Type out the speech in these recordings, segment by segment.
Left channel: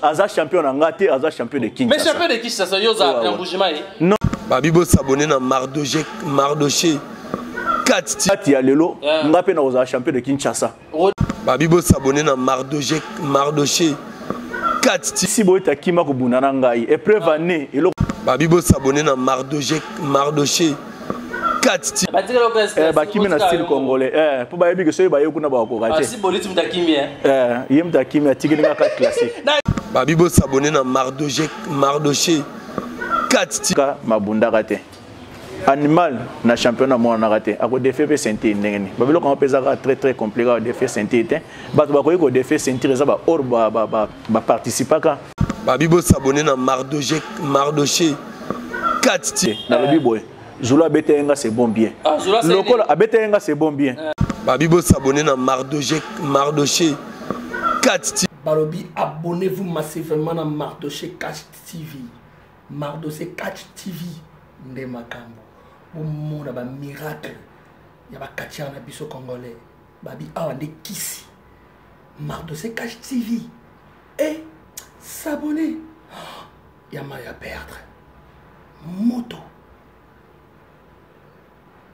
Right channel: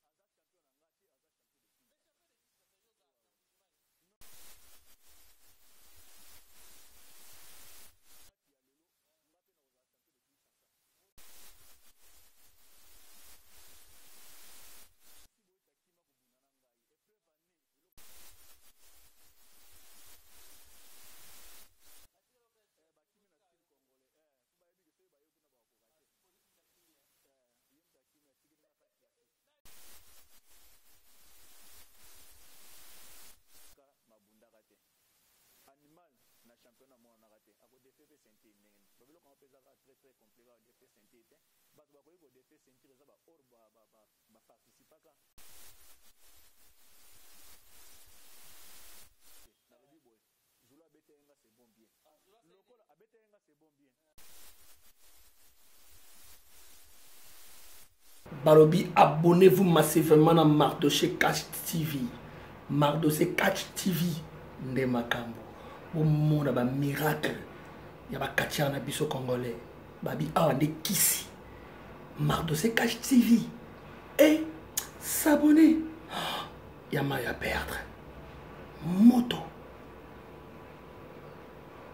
Aza champion en gâté, Aza champion de Kinshasa. Mais champion de Kinshasa, Yoza, Yamboujimai. Non. Babibo s'abonner dans Mardoché. 4 Kati ya lelo, ngape na Aza champion de Kinshasa. Babibo s'abonner dans Mardoché. 4 Si boy ta kima ko bunana ngai, épreuve année et Babibo s'abonner dans Mardoché. 4 ba kimi na style congolais pour ba yebi que soy ba yekuna ba ko raté. Si boliti mtakimi yem ta kimi tigini ka classique. Babibo s'abonner dans Mardoché. 4 ka mabunda raté. Animal na championnat mo na raté. Ako défait pe sentir ndengeni. Babilo ko pesa très compliqué au défait sentir té. Ba to ba ko défait sentir ça ba or ba participer ka. Babibo s'abonner dans Mardoché. 4 na le biboy. Zula Betenga c'est bon bien. Lokola Abetenga c'est bon bien. Babibo s'abonner dans Mardoché. 4 Balobi, abonnez-vous massivement à Mardoché Catch TV. Mardoché Catch TV. Nde makambo. Au monde ba miracle. Ya ba katia na biso congolais. Babi awa nde kisi. Mardoché Catch TV. Et s'abonner. Ya ma ya perdre. Moto.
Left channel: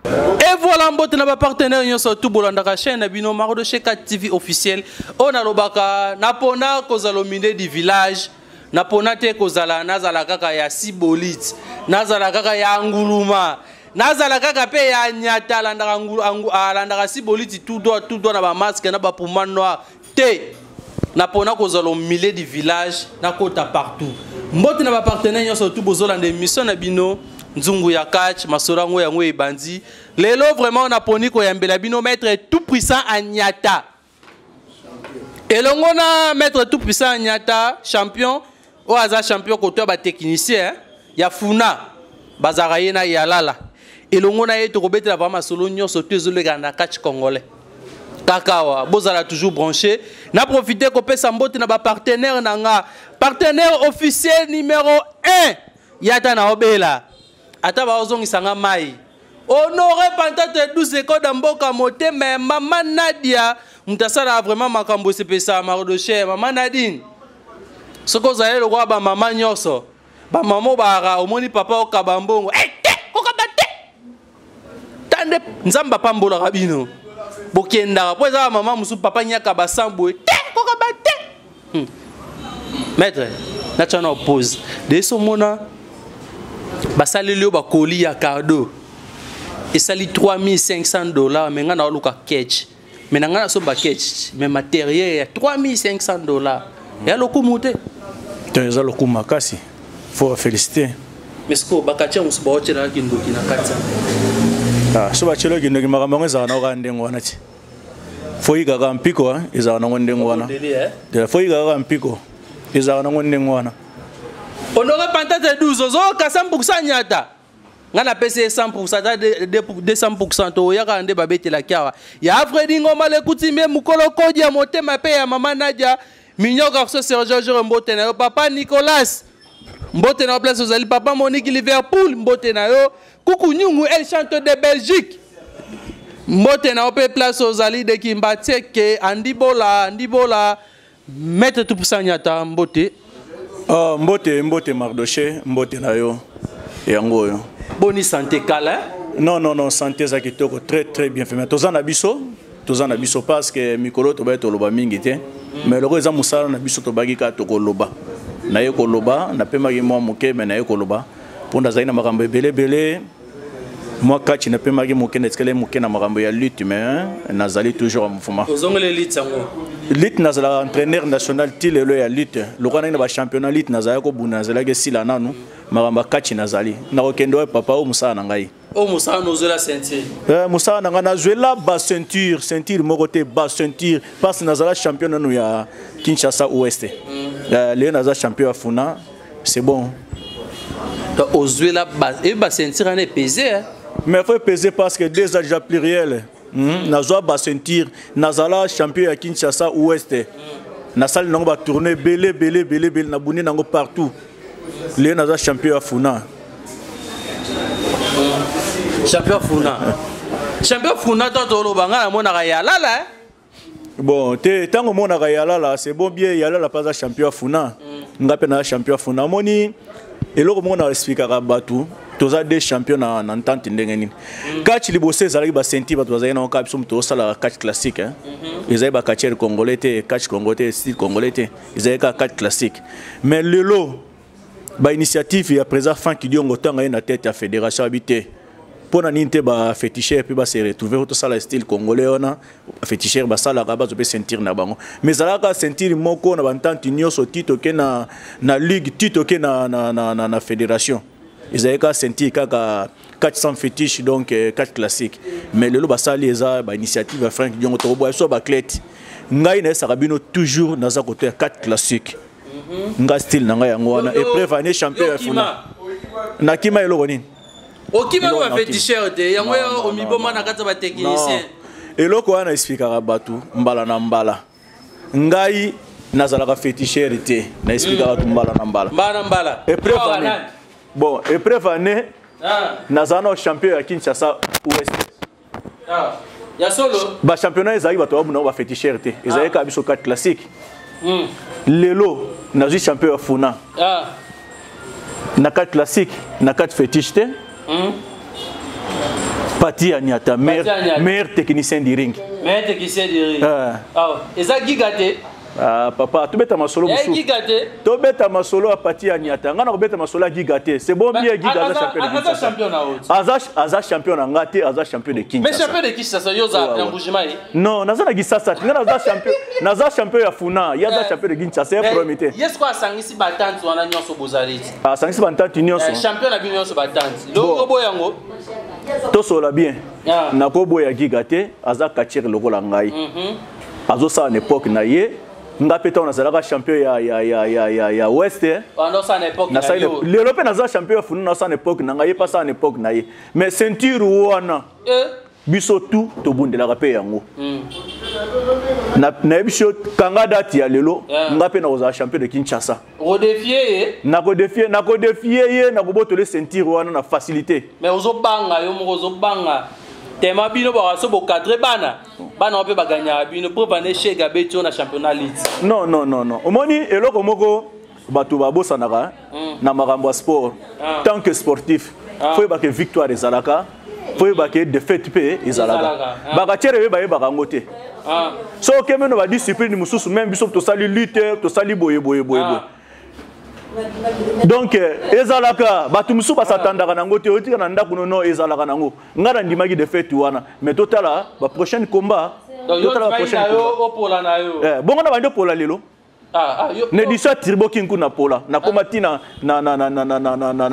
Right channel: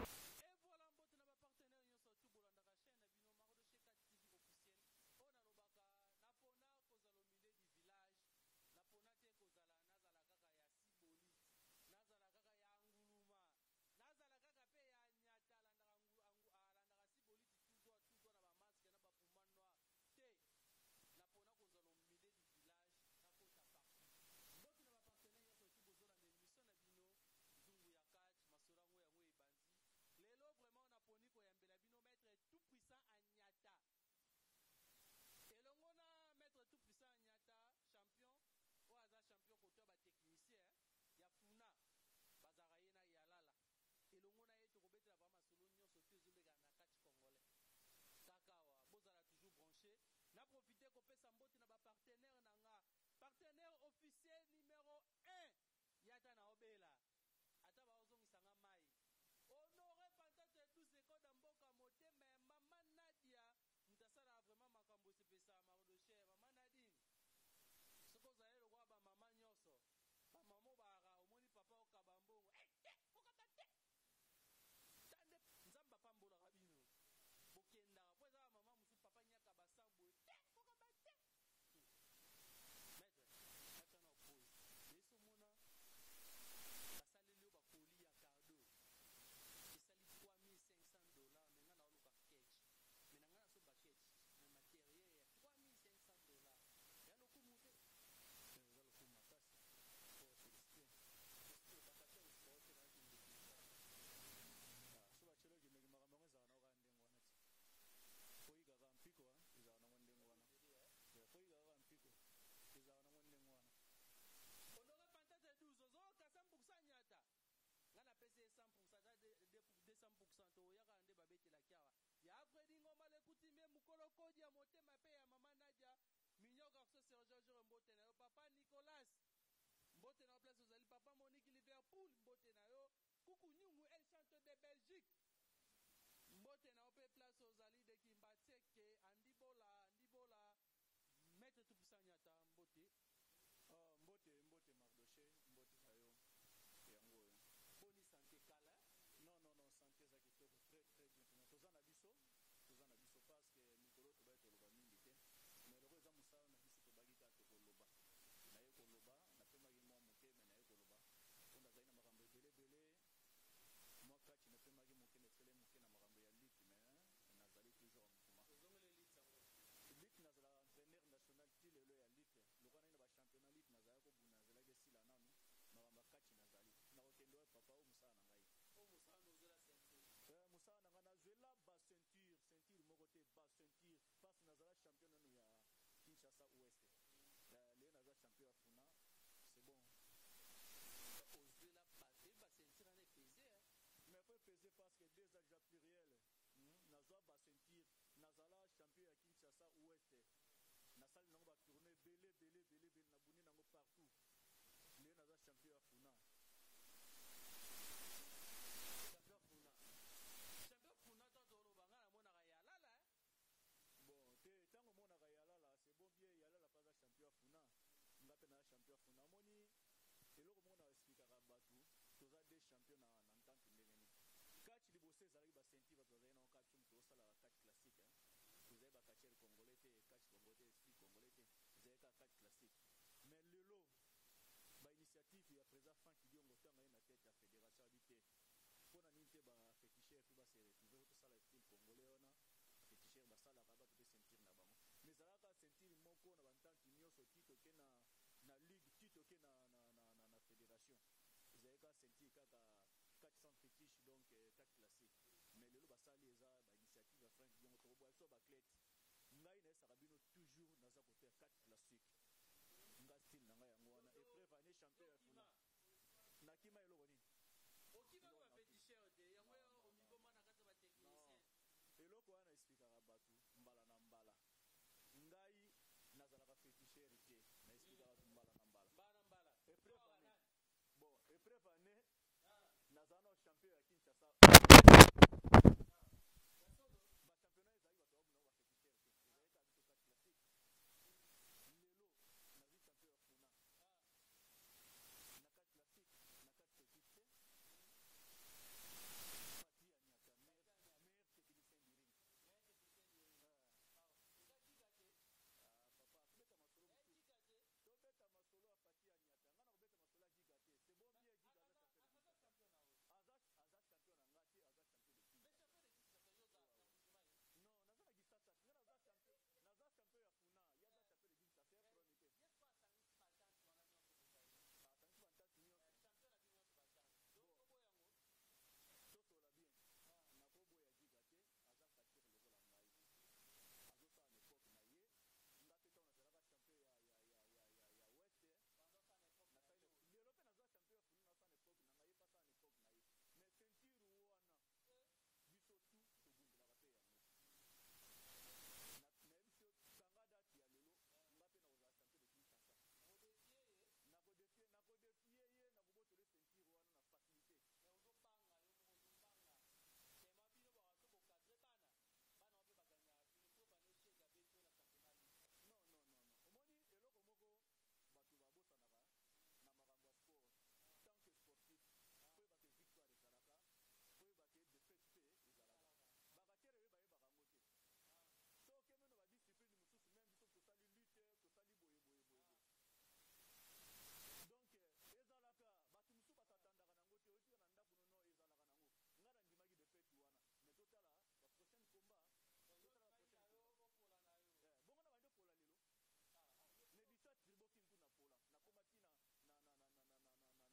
Et voilà, mbote na ba partenaire nyonso tout bolanda ka chaîne na bino Mardoché Catch TV officiel. On a lobaka napona kozalo mine du village. Napona te kozala nazala kaka ya Sibolit. Nazala kaka ya Nguluma. Nazala kaka pe ya Nyata landaka landaka Sibolit tout doit na ba masque na ba poumane noir. Te napona kozalo mile du village na kota partout. Mbote na ba partenaire nyonso tout bozolanda émission na bino. Nzungu ya catch, masorango ya ngwe bandi. Lelo vraiment on a poni ko yambela bino maître tout puissant à Nyata. Et l'on maître tout puissant à Nyata, champion, ou aza champion côté ba technicien, ya Funa, bazarayena ya Lala. Et l'on a été robete la vraiment solo nyon sauté zo le ganda catch congolais. Kakawa, bozala toujours branché. Na profité ko pesa mbote na ba partenaire nanga, partenaire officiel numéro 1, Yata na obela. Ataba ozongi sanga mai. Honoré Pantate 12 écoles d'Amboka Moté, mais maman Nadia, mutasala vraiment makambo sepesa Mardoché, maman Nadine. Ce que vous allez le voir, maman Nyoso, maman bara, au moni papa au kabambongo. Kokabate! Tande, nzamba pambola rabino. Bokenda, après ça, maman musu papa nyaka basambo. Kokabate! Maître, natana oppose. De ce mona. Basalilio bakoli ya cardo et sali $3,500 mais ngana oluka catch mais ngana so ba catch mais matériel ya $3,500 ya lokumute teza lokuma kasi faut féliciter mais ce ko bakacha musuba ochela kindoki na katsa so ba chelo kindoki makambo za na ka ndengo wana ti faut igaga mpiko za na ndengo wana de faut igaga mpiko za na ndengo wana. Honoré Pantate 12, zo ka 100% Nyata. Ngana pese 100% 200% to yaka ande babete la kiawa. Ya Fredi Ngoma le kutimie mukolo kodi ya motema pe ya mama Nadia. Minyo garçon Sergio Mbote na yo papa Nicolas. Mbote na place ozali papa Monique Liverpool Mbote na yo. Kuku Nyungu El Chanteur de Belgique. Mbote na yo place ozali de Kimbateke Andibola mettre tout pour ça Nyata Mbote. Mbote Mardoché, Mbote na yo yango yo. Boni santé kala? Non, santé za kitoko très bien fait. Mais tozana biso parce que mikolo to ba to loba mingi te. Mais loko eza musala na biso to bagi ka to koloba. Na ye koloba, na pema ki mo moke mais na ye koloba. Ponda zaina makambo belé. Moi catch na pema ki moke na skele moke na makambo ya lutte mais nazali toujours mfuma. Ozongole lutte sango. Lutte nazala entraîneur national tilelo ya lutte. Lokana na ba championnat lutte nazala ko buna nazala ke sila nanu makambo catch nazali. Na okendo papa o musala na ngai. O musala nozola ceinture. Musala na ngana zoela ba ceinture moko te ba ceinture parce nazala champion nanu ya Kinshasa Ouest. Le nazala champion ya Funa, c'est bon. Donc ozoela ba ceinture en est pesé hein. Mais il faut peser parce que déjà déjà pluriel. Nazoa ba ceinture, nazala champion à Kinshasa Ouest. Na salle nango ba tourner belé na buni nango partout. Le nazala champion à Funa. Champion Funa. Champion Funa to lo banga na mona ya lala. Bon, tant que mon a là, c'est bon bien, yala la pas champion Funa. Ngapé na champion Funa. Moni, et là, mon a expliqué à Batou. Tous des champions en entente ndengeni. Catch libosé zalaki ba senti ba toza na cap som to sala catch classique hein. Ils ba catcher congolais catch congolais style congolais ils ka catch classique. Mais le lot ba initiative ya présent fan qui diongo tanga na tête ya fédération habité. Pona ninte ba féticheur puis ba se retrouver to sala style congolais ona féticheur ba sala ba zo pe sentir na bango. Mais zalaka sentir moko na ba entente nyonso tito ke na ligue tito ke na fédération. Ils avaient qu'à sentir 400 fétiches, donc 4 classiques. Mais le Basali est une initiative Franck Diongo Torobo, soit Baclette. Ngai na Sarabino toujours dans un côté 4 classiques. Ngai style Nanga Yangwana et prévané champion à Funa. Nakima et Loroni. Okima va féticheur de Yango Omiboma Nakata va technicien. Et loko ana expliquera Batu Mbala na Mbala. Ngai Nazalaka féticheur était. Na expliquera Mbala na Mbala. Mbala. Et prévané. Bon, épreuve année, Nazano champion à Kinshasa Ouest. Ya solo. Ba championnat ils arrivent à toi on va féticheur té. Ils avaient qu'à biso 4 classiques. Lelo, nazi champion à Funa. Na 4 classiques, na 4 fétiches té. Pati Anyata, meilleur technicien du ring. Meilleur technicien du ring. Eza gigaté. Papa, tu bêtes ma solo. Tu bêtes ma solo à partir à Niata. Ngana bêtes ma solo à Gigaté. C'est bon bien Gigaté champion. Aza champion en Ngate, Aza champion de Kinshasa. Mais champion de Kinshasa, yoza Yambujima. Non, Naza na Gisasa. Ngana Naza champion à Funa. Yaza champion de Kinshasa. C'est promis. Yes quoi sangisi batante wana nyonso bozali. Sangisi batante nyonso. Champion na bino nyonso batante. Logo yango. To sola bien. Na ko boya Gigaté, Aza kachir logo la ngai. Azo sa en époque na ye. Ngapeta on a zalaka champion ya Ouest pendant sa époque na l'Europe na champion funu na sa époque na ngaye pas sa époque na ye mais ceinture wana biso tout to bundela ka pe yango na biso kanga date ya lelo ngape na oza champion de Kinshasa redefier na ko défier ye na ko botole ceinture wana na facilité mais ozo banga yo mo ozo banga tema bino ba so bo cadre bana on peut pas gagner bino pour vendre chez Gabeto na championnat league. Non. Omoni eloko moko batu ba bosanaka na makambo sport tant que sportif faut ba que victoire ezalaka faut ba que défaite pe ezalaka ba ka tere ba ba ngote so kemeno ba discipline mususu même biso to sali lutte to sali boye donc ezalaka batu musu basatandaka nango te otika na ndako no ezalaka nango ngara ndimaki de fait wana mais totala ba prochaine combat totala ba prochaine combat bongo na bando pola lelo ne disa tribo kinku na pola na komati na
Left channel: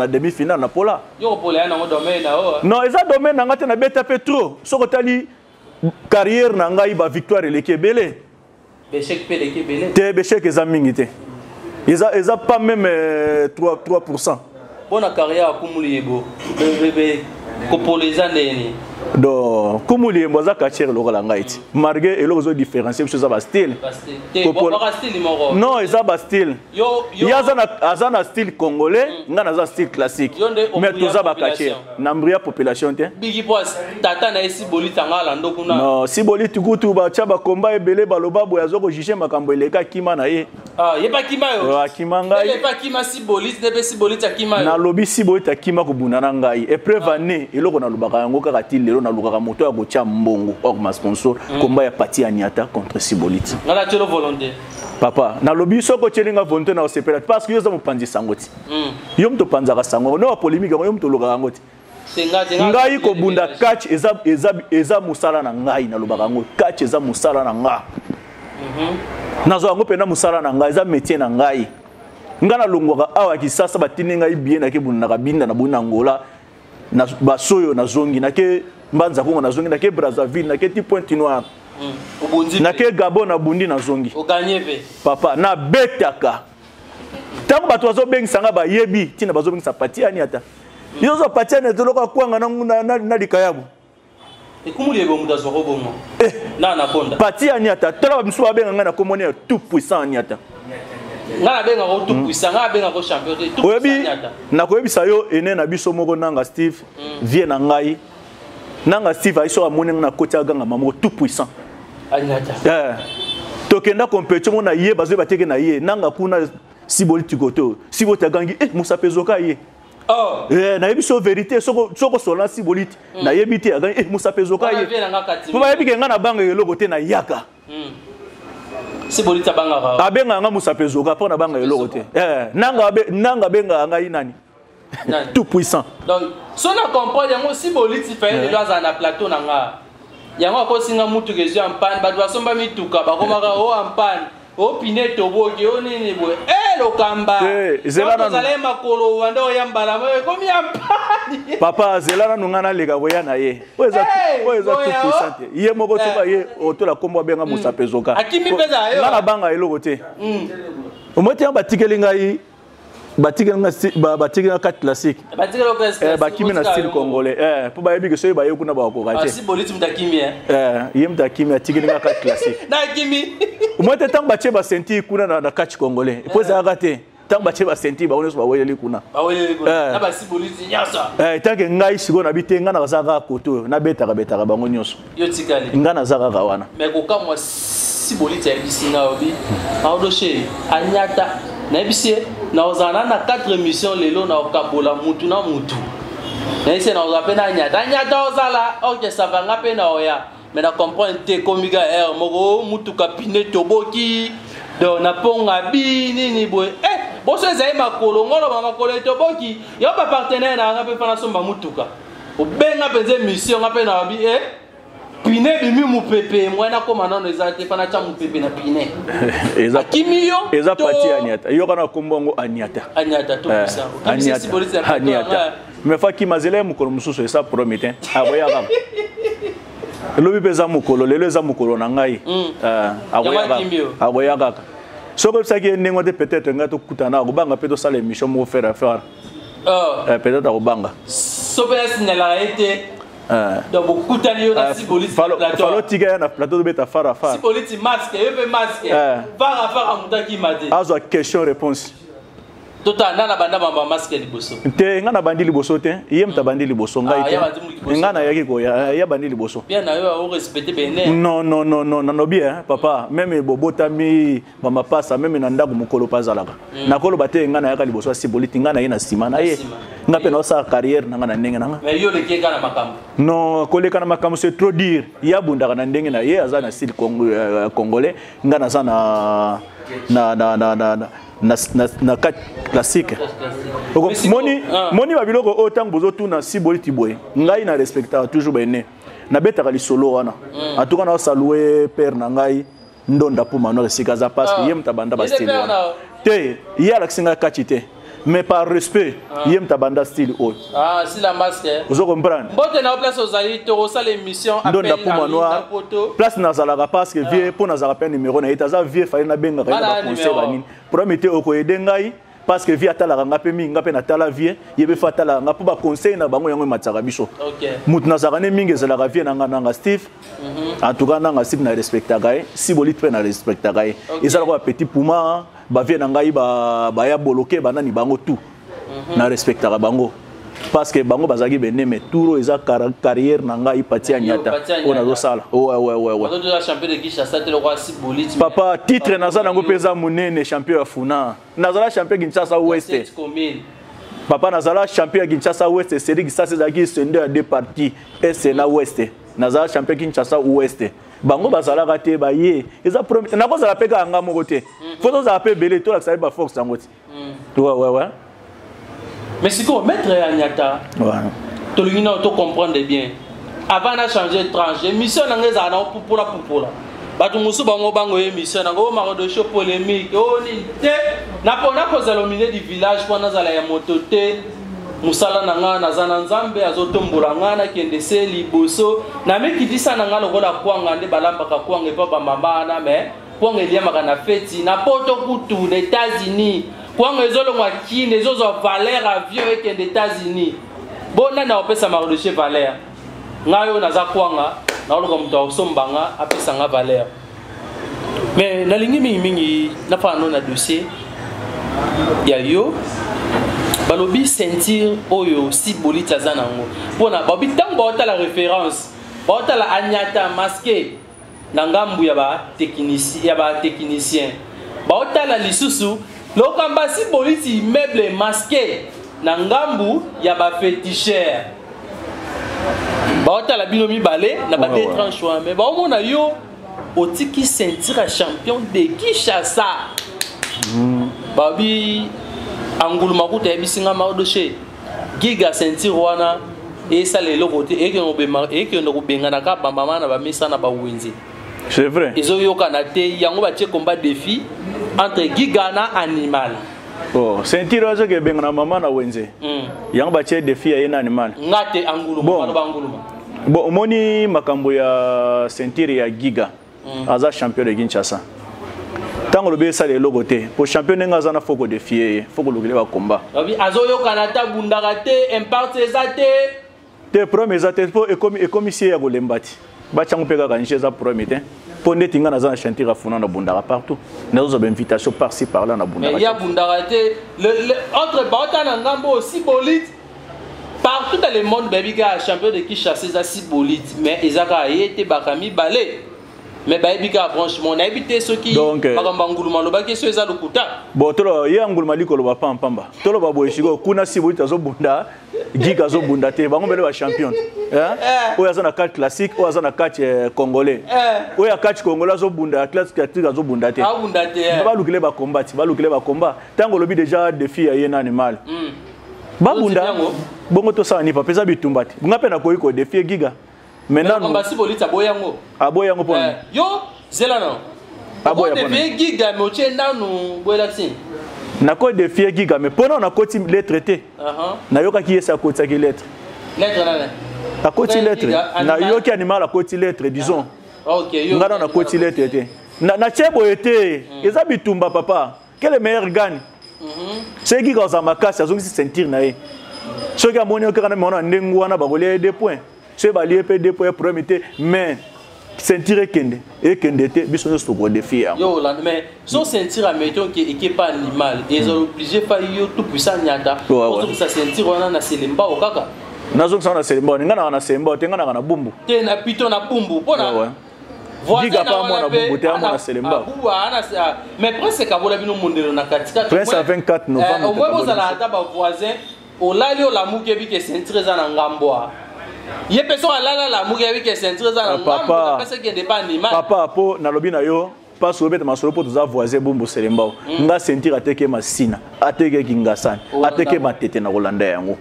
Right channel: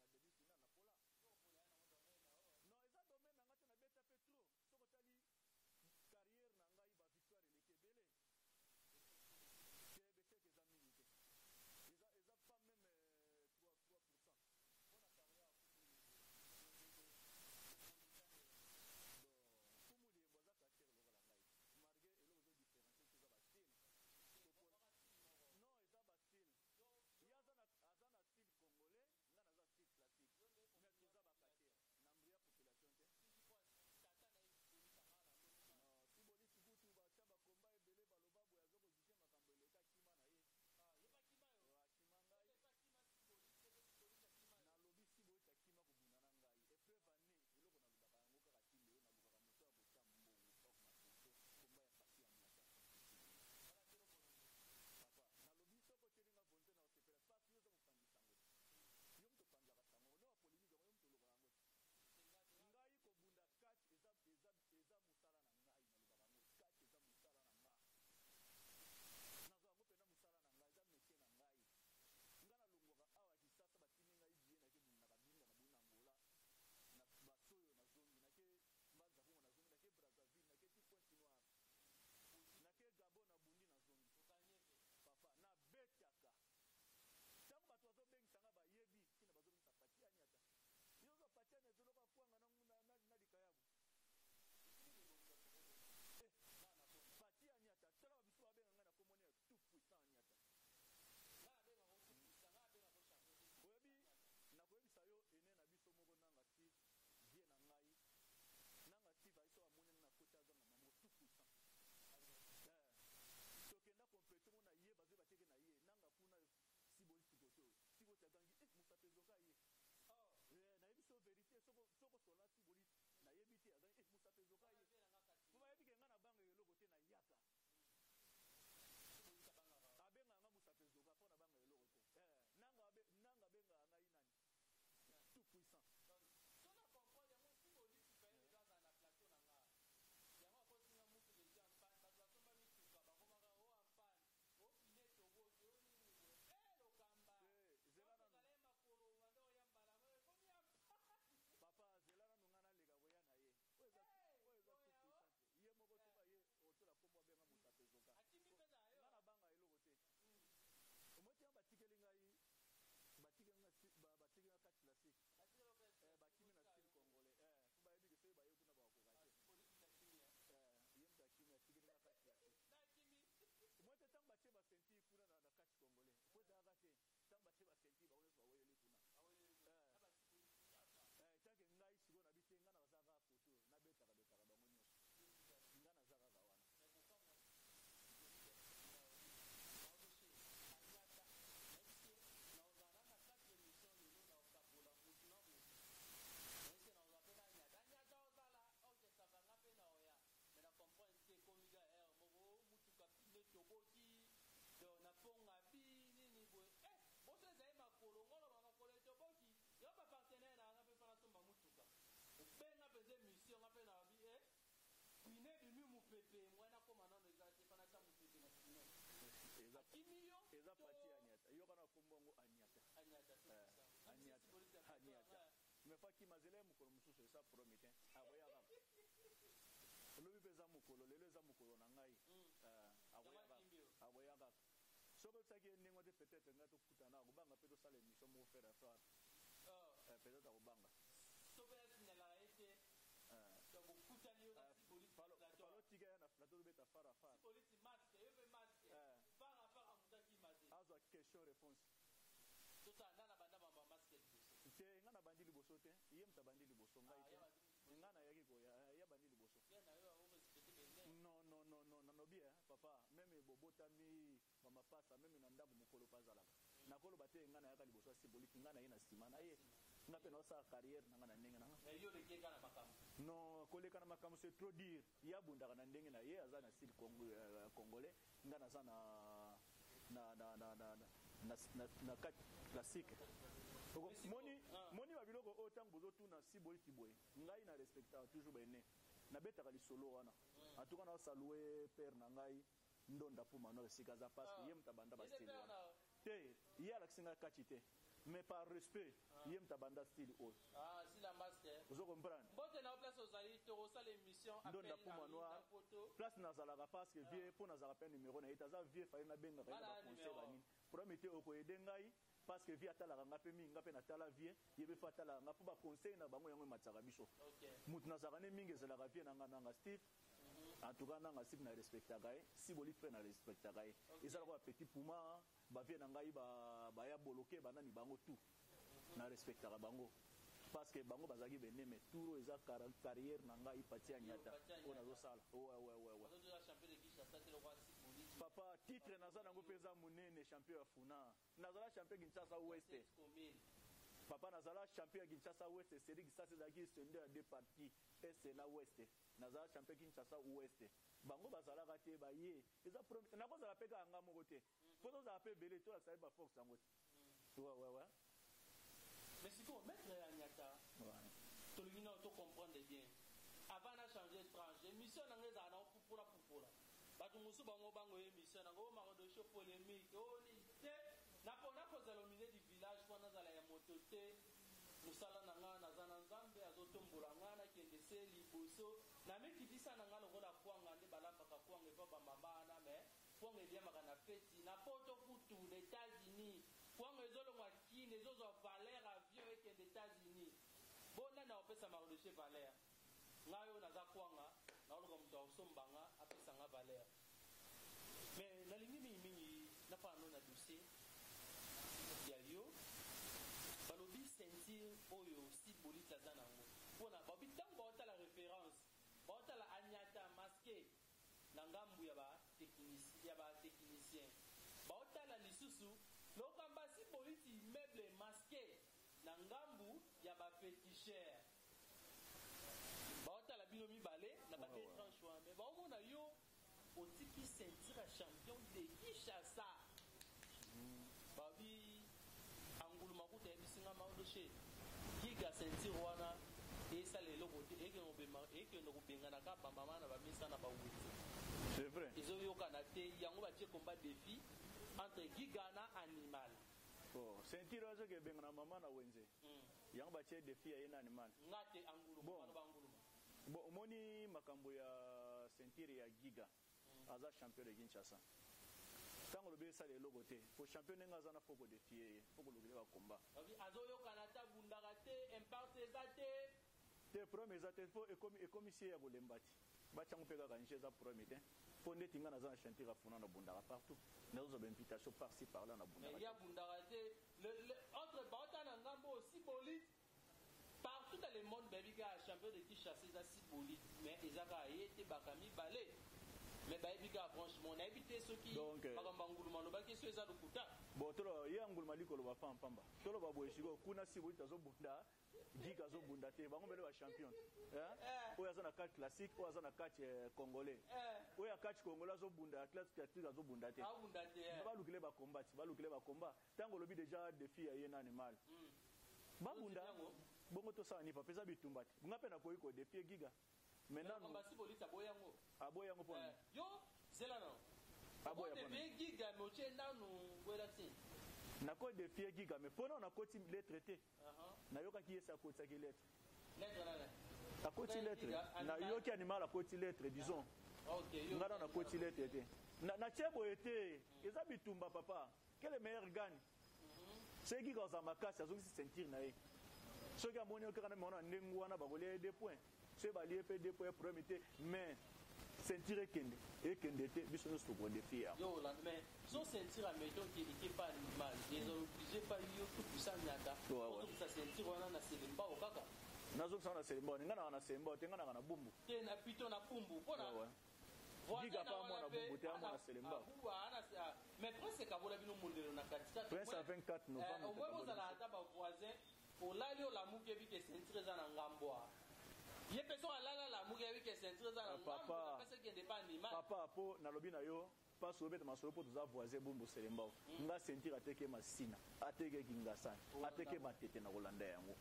demi finale na pola yo pola na domaine na o non eza domaine na ngate na beta pe trop soko tali carrière na ngai ba victoire lekebele bechek pe lekebele te bechek eza mingi te. Ils n'ont pas même 3%. Bonne carrière à Koumouliebo. Les années. Donc, Koumouliebo, ça cache le rôle en Haïti. Malgré et l'autre différencier, c'est ça style. Non, ils ont style. Il y a un style congolais, il y a un style classique. Mais tout ça va cacher. N'embria population. Bigi Poas, Tata na esi boli tanga lando kuna. Non, si boli tukutu ba chaba combat ebele baloba boya zoko jije makambo eleka kima na ye. Ye pas kima yo. Kima ngai. Ye pas kima si boli, ne pas si boli ta kima yo. Na lobi si boli ta kima ko bunana ngai. Épreuve année eloko na lobaka yango kaka til lelo na lukaka moto ya gocha mbongo or ma sponsor combat ya Pati Anyata contre Siboliti. Ngala telo volonté. Papa, na lobi soko chelinga volonté na osepela parce que yo za mopanzi sangoti. Yo mto panzaka sango no polémique yo mto lukaka ngoti. Ngai ko bunda catch eza musala na ngai na lobaka ngo catch eza musala na nga. Nazo yango pena musala na ngai eza métier na ngai. Ngana longwaka awa kisasa batini ngai bien na ke bunda na binda na bunda ngola na basoyo na zongi na ke mbanza kongo na zongi na ke Brazzaville na ke ti Pointe Noire. Na ke Gabon na bundi na zongi. O gagner pe. Papa na betaka. Tango bato bazo bengisanga ba yebi tina bazo bengisa Pati Anyata. Yo zo Pati Anyata loko kwanga na likayabu. Koumouliebo mudazo robongo. Na konda. Pati Anyata tola biso babenga ngana komone tout puissant Anyata. Ngana benga ko tout puissant, ngana benga ko champion tout puissant Anyata. Na ko yebisa yo ene na biso moko nanga Steve vie na ngai. Nanga Steve aiso amone na koti aganga mamo tout puissant. anyata tokenda compétition na ye bazo bateke na ye nanga kuna siboli tikoto sibo tagangi musa pezoka ye na yebi so vérité soko sola siboli na yebi te agangi musa pezoka ye po ba yebi ke ngana banga eloko te na yaka siboli tabanga abenga nga musa pezoka po na banga eloko te nanga benga nga inani tout puissant donc so na comprendre yango siboli ti fait le loza na plateau nanga yango ko singa mutu ke en panne ba doit somba mituka ba komaka o en panne o pineto boki o nini boy lo kamba zelana zale makolo wanda o yambala mo komi en panne papa zelana nungana lega boya na ye oza tout puissant ye moko soka ye o to la kombo benga musa pezoka akimi peza yo ngana banga eloko te o moti ba tikelinga yi batikela 4 classique bakimi na style congolais po bayebi ke soyi baye kuna bakokate siboliti mtakimi ye mtakimi atikela 4 classique na kimi mote tango batie ba senti kuna na catch congolais po ezalaka te tango batie ba senti baoneso baweleli kuna na ba siboliti nyasa tanke ngai siko na bite ngana bazaka koto na betaka bango nyonso yo tikali ngana zaka wana mais kokamwa siboliti ya bisinga obi aodoshe anyata na bisie na ozana na 4 émissions lelo na okabola mutu na mutu na ise na ozape na nyata ozala ok ça va ngape na oya mais na comprendre te komika moko mutu kapine toboki do na ponga bi nini boy boso ezai makolo ngolo makolo toboki yo ba partenaire na ngape fana somba mutuka obenga penze mission ngape na bi pine bimi mupepe mwana koma nano ezate fana cha mupepe na pine akimiyo eza pati anyata yo kana kombongo anyata tout ça anyata me fa ki mazele mukolo mususu esa promete aboya kama lobi peza mukolo lelo eza mukolo na ngai aboya kaka soko saki nengo te peut-être ngato kutana ko banga peto sala émission mo faire peut-être ko banga sopela signala été donc beaucoup de na siboliti falo tiga na plateau de beta fara siboliti masque yebe masque fara mutaki mate azo question réponse tota nana banda bamba masque liboso te ngana bandi liboso te yem ta bandi liboso ngai te ngana yaki ko ya bandi liboso bien na yo o respecter bene non bien papa même bobota mi mama pasa même na ndaku mukolo pazalaka na kolo bate ngana yaka liboso siboliti ngana yena sima na ye ngape na sa carrière na ngana ndenge nanga mais yo le keka na makambo non koleka na makambo c'est trop dire ya bundaka na ndenge na ye azana style congolais ngana sana na classique moni babiloko autant bozo tuna siboliti boy ngai na respecta toujours bene na betaka lisolo wana atuka na saluer père na ngai ndonda pour mano sikaza parce que yem tabanda ba style te ya la singa kachite mais par respect yem tabanda style o si la masque vous comprendre mbote na place ozali to sa l'émission appel à place na zalaka parce que vie pour na zalaka numéro na itaza vie fallait na benga ka conseil banini promettre oko edengai parce que vie atala ngape minga pe na tala vie yebe fatala ngapo ba conseil na bango yango matsaka biso mutu na zakane mingi zalaka vie na ngana Steve en tout cas na Steve na respecta gai si bolit pe na respecta gai ezala ko petit puma ba vie na ngai ba ya bloquer banani bango tout na respecta bango parce que bango bazaki bene mais touro eza carrière na ngai pati anyata ona zo sala ouais champion de Kinshasa te le roi Siboliti papa titre nazana ngo peza munene champion ya Funa nazala champion Kinshasa Ouest papa nazala champion Kinshasa Ouest c'est dit que ça c'est qui c'est deux deux parties et c'est na Ouest nazala champion Kinshasa Ouest bango bazala raté ba ye eza premier na ko za peka anga moko te faut za appeler belé to la ça ba force ngoti ouais mais si qu'on mettre Anyata, tout le monde comprendre bien. Avant de changer de tranche, mission n'a pas à pour la. Batu musu bango bango émission n'a pas marre de show polémique. Oh ni te n'a pas cause à l'omine du village pour nous aller à mototé. Musala nanga na zananzambe azotombola ngana kende se liboso. Na me qui dit ça nanga lokola kwanga nde balamba ka kwanga e papa mama na me kwanga elia makana feti na poto kutu aux États-Unis. Quand les autres ont acquis, les autres ont valeur avion avec les États-Unis. Bon, on a appelé ça Mardoché valeur. Ngayo naza kwanga, na olo comme toi sombanga, appelé ça valeur. Mais na lingi mingi na pas non na dossier. Ya yo, balobi sentir oyo Siboliti azanango. Bona babi tant ba la référence, ba la Anyata masqué. na ngambu ya ba technicien baotala lisusu lokamba si boliti immeuble masqué na ngambu ya ba féticheur baotala bino mibale na ba détranchement mais baomona yo otiki ceinture champion de Kinshasa babi anguluma kuta ebisinga maodoche giga ceinture wana esa lelo côté eke no bengana ka bamba na ba misa na ba wenzi. C'est vrai. Ils ont eu yango batie combat défi entre giga na animal. Oh, ceinture azo ke bengana mama na wenze. Yango batie défi ya animal. Ngate anguluma ba anguluma. Bon, omoni makambo ya ceinture ya giga. Aza champion de Kinshasa. Tango lobe sa lelo côté pour champion ngaza na foko défier, foko lokele ba combat. Abi azo yo kanata bundagate impact ezate. Te premier ezate pour commissaire ya golembati. Ba changu peka kanjé za premier te. Pour ndeti nga naza na ceinture afuna na bundaka partout. Nazo ba invitation par-ci par-là na bundaka. Mais il y a bundagate le entre Bauta na ngambo aussi bolite. Partout dans le monde baby ga champion de Kinshasa za si bolite mais ezaka yete bakami balé. Mais baibika franchement na habité ceux qui bakamba nguluma lobaki so eza lokuta bon tolo ye nguluma likolo ba pamba tolo ba boyishiko kuna si boita zo bunda giga zo bunda te bango bele ba champion oya za na carte classique oya za na carte congolais oya carte congolais zo bunda classique zo bunda te ba lukile ba combat tango lobi déjà défi ya yena animal ba bunda bongo to sa ni pa pesa bitumbati ngape na koyiko défi giga. Maintenant, on va si bolita boyango. Aboyango pour yo, zelano. Aboyango. On devait giga mais tu es dans nous boylaxin. Na ko défier giga mais pendant na koti lettre té. Na yoka ki esa koti ki lettre. Lettre na. Na koti lettre. Na yoki animal la koti lettre disons. OK, yo. Ngana na koti lettre té. Na chebo été. Eza bitumba papa. Quel est le meilleur gagne? C'est giga za makasi azongi sentir na ye. Soki amoni okana mona ndengu wana bakolia 2 points. C'est balié pe 2 points premier mais ceinture kende et kende te biso so ko défi yo là mais son ceinture à mettons qui est pas animal ils ont obligé pas yo tout puissant nyata pour que sa ceinture wana na selemba okaka nazo sana selemba ngana na selemba te ngana na bumbu te na pito na bumbu pona diga pa mo na bumbu te mo na selemba mais presque kabola bino mondelo na katika presque à 24 novembre au moins ça la taba voisin au lali o la muke bi ke ceinture za na ngamboa. Ye personne là la muke avec ceinture za na ngambo parce que n'est pas animal. Papa po na lobi na yo pas so beta masolo po tuza voisin bumbu selemba nga ceinture ateke masina ateke kingasani ateke matete na Rolanda yango.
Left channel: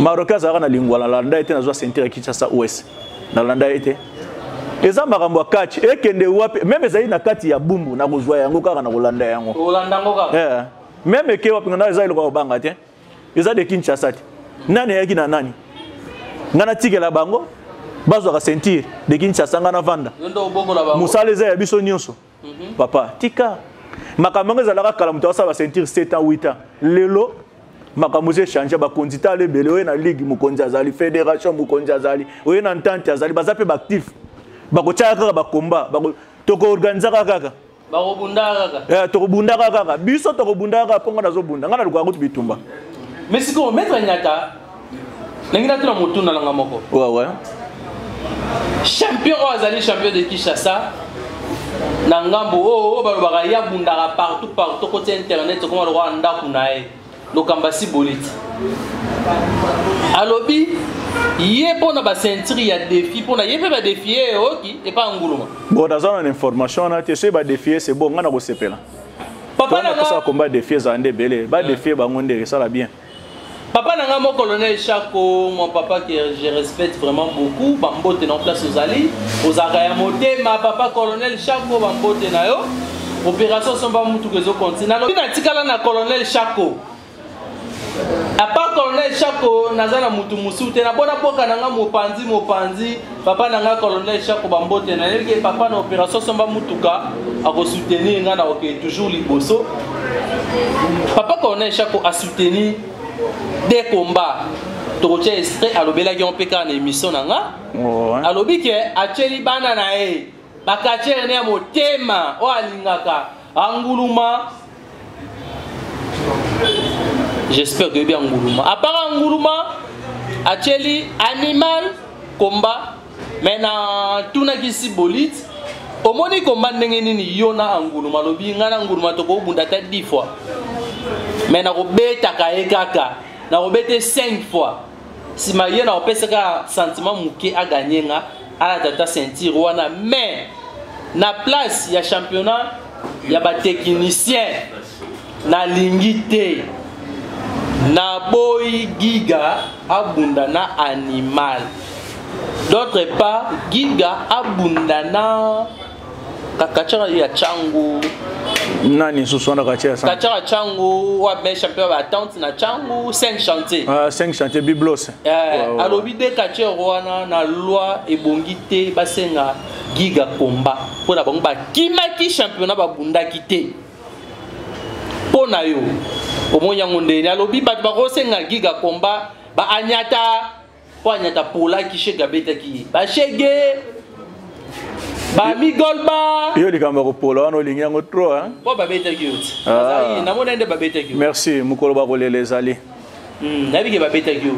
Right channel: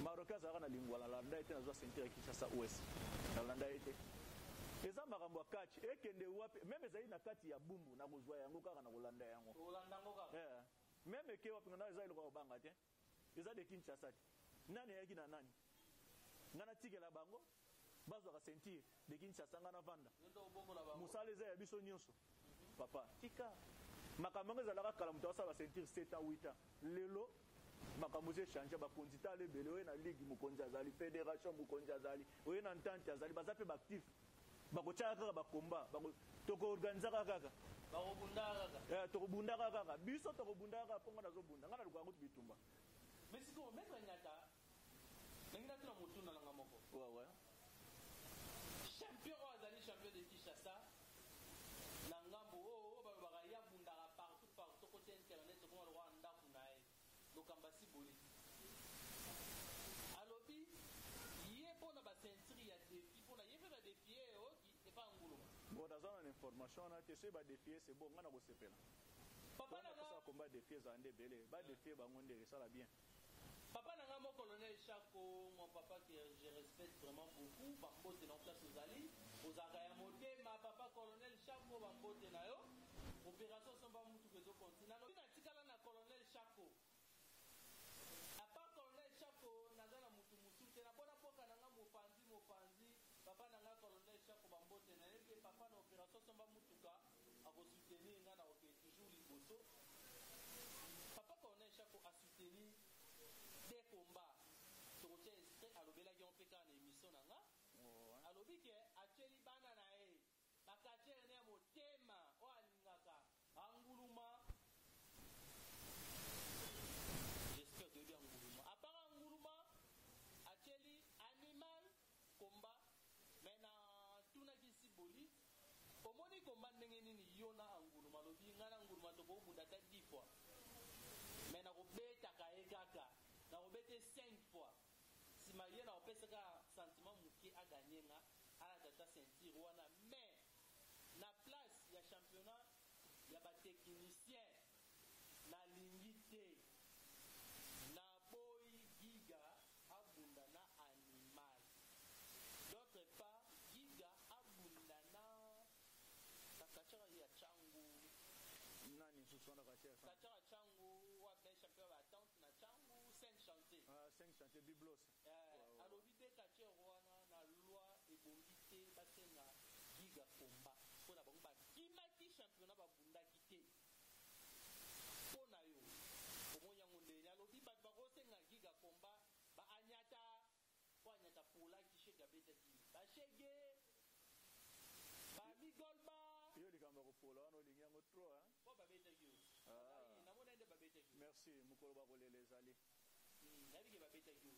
Maroka za na lingwa la Rolanda ete na zo ceinture Kinshasa OS na Rolanda ete eza makambo catch ekende wapi même ezali na kati ya bumbu na kozwa yango kaka na Rolanda yango. Rolanda ngo kaka. Même ke wapi ngana ezali ko banga te eza de Kinshasa te nani yaki na nani ngana tikela bango bazwa ka ceinture de Kinshasa ngana vanda musale za ya biso nyonso papa tika makambo ezalaka kala muto asaba ceinture 7 ans 8 ans lelo makambo ze changer ba kondita le bele oye na ligue mukonzi azali fédération mukonzi azali oye na entente azali bazape ba actif bako chaka ba combat bako toko organiser kaka bako bunda kaka toko bunda kaka biso toko bunda kaka ponga nazo bunda ngana lukwa ngutu bitumba mais si ko mettre nyata nengina tuna mutu na langa moko ouais champion azali champion de Kinshasa na ngambo balobaka ya bundaka partout côté internet comme le roi ndaku nae lokamba si boliti alobi ye pona ba ceinture ya défi pona ye pe ba défier oki et pas nguluma bon dans une information na te se ba défier c'est bon ngana ko sepela papa na ça combat défier za ndé belé ba défier ba ngonde ça la bien. Papa n'a mon colonel Chako, mon papa que je respecte vraiment beaucoup, bambote en place aux Ali, aux Arayamote, ma papa colonel Chako, bambote na yo, opération sont pas mutu que zo continue. Alors, na tikala na colonel Chako. À part colonel Chako, nazana mutu musute na bona poka nanga mopanzi, papa nanga colonel Chako bambote na yo, papa na opération sont pas mutuka à soutenir nga na OK toujours liboso. Papa colonel Chako a soutenu des combats tokotia extrait alobela ki on peka na émission nanga alobi ke acheli bana na e bakachere ne motema o alingaka anguluma j'espère que bien anguluma à part anguluma acheli animal combat mais na tuna ki sibolite omoni combat ndenge nini yona angulu malobi ngana ngulu matoko bunda ta 10 fois mais na kobeta kaye kaka na kobete 5 fois si ma yena opesaka sentiment muke a gagner nga ala tata sentir wana mais na place ya championnat ya ba technicien na lingité na boy Giga abunda na animal d'autre part Giga abunda na kakachara ya changu nani suswana kachara changu wa be champion ba attente na changu 5 chantiers 5 chantiers biblos alobi de kachara wana na loi ebongite basenga Giga combat pona bango ba kimaki championnat ba bunda kité pona yo omonya ngondeni alobi bat ba kosenga Giga combat ba anyata po anyata pola ki shega beta ki ba shege ba migolba yo likamba ko pola wana olingi yango trop hein po ba beta ki uti azai na mona ende ba beta ki merci mukolo ba kolele ezali na bige ba beta ki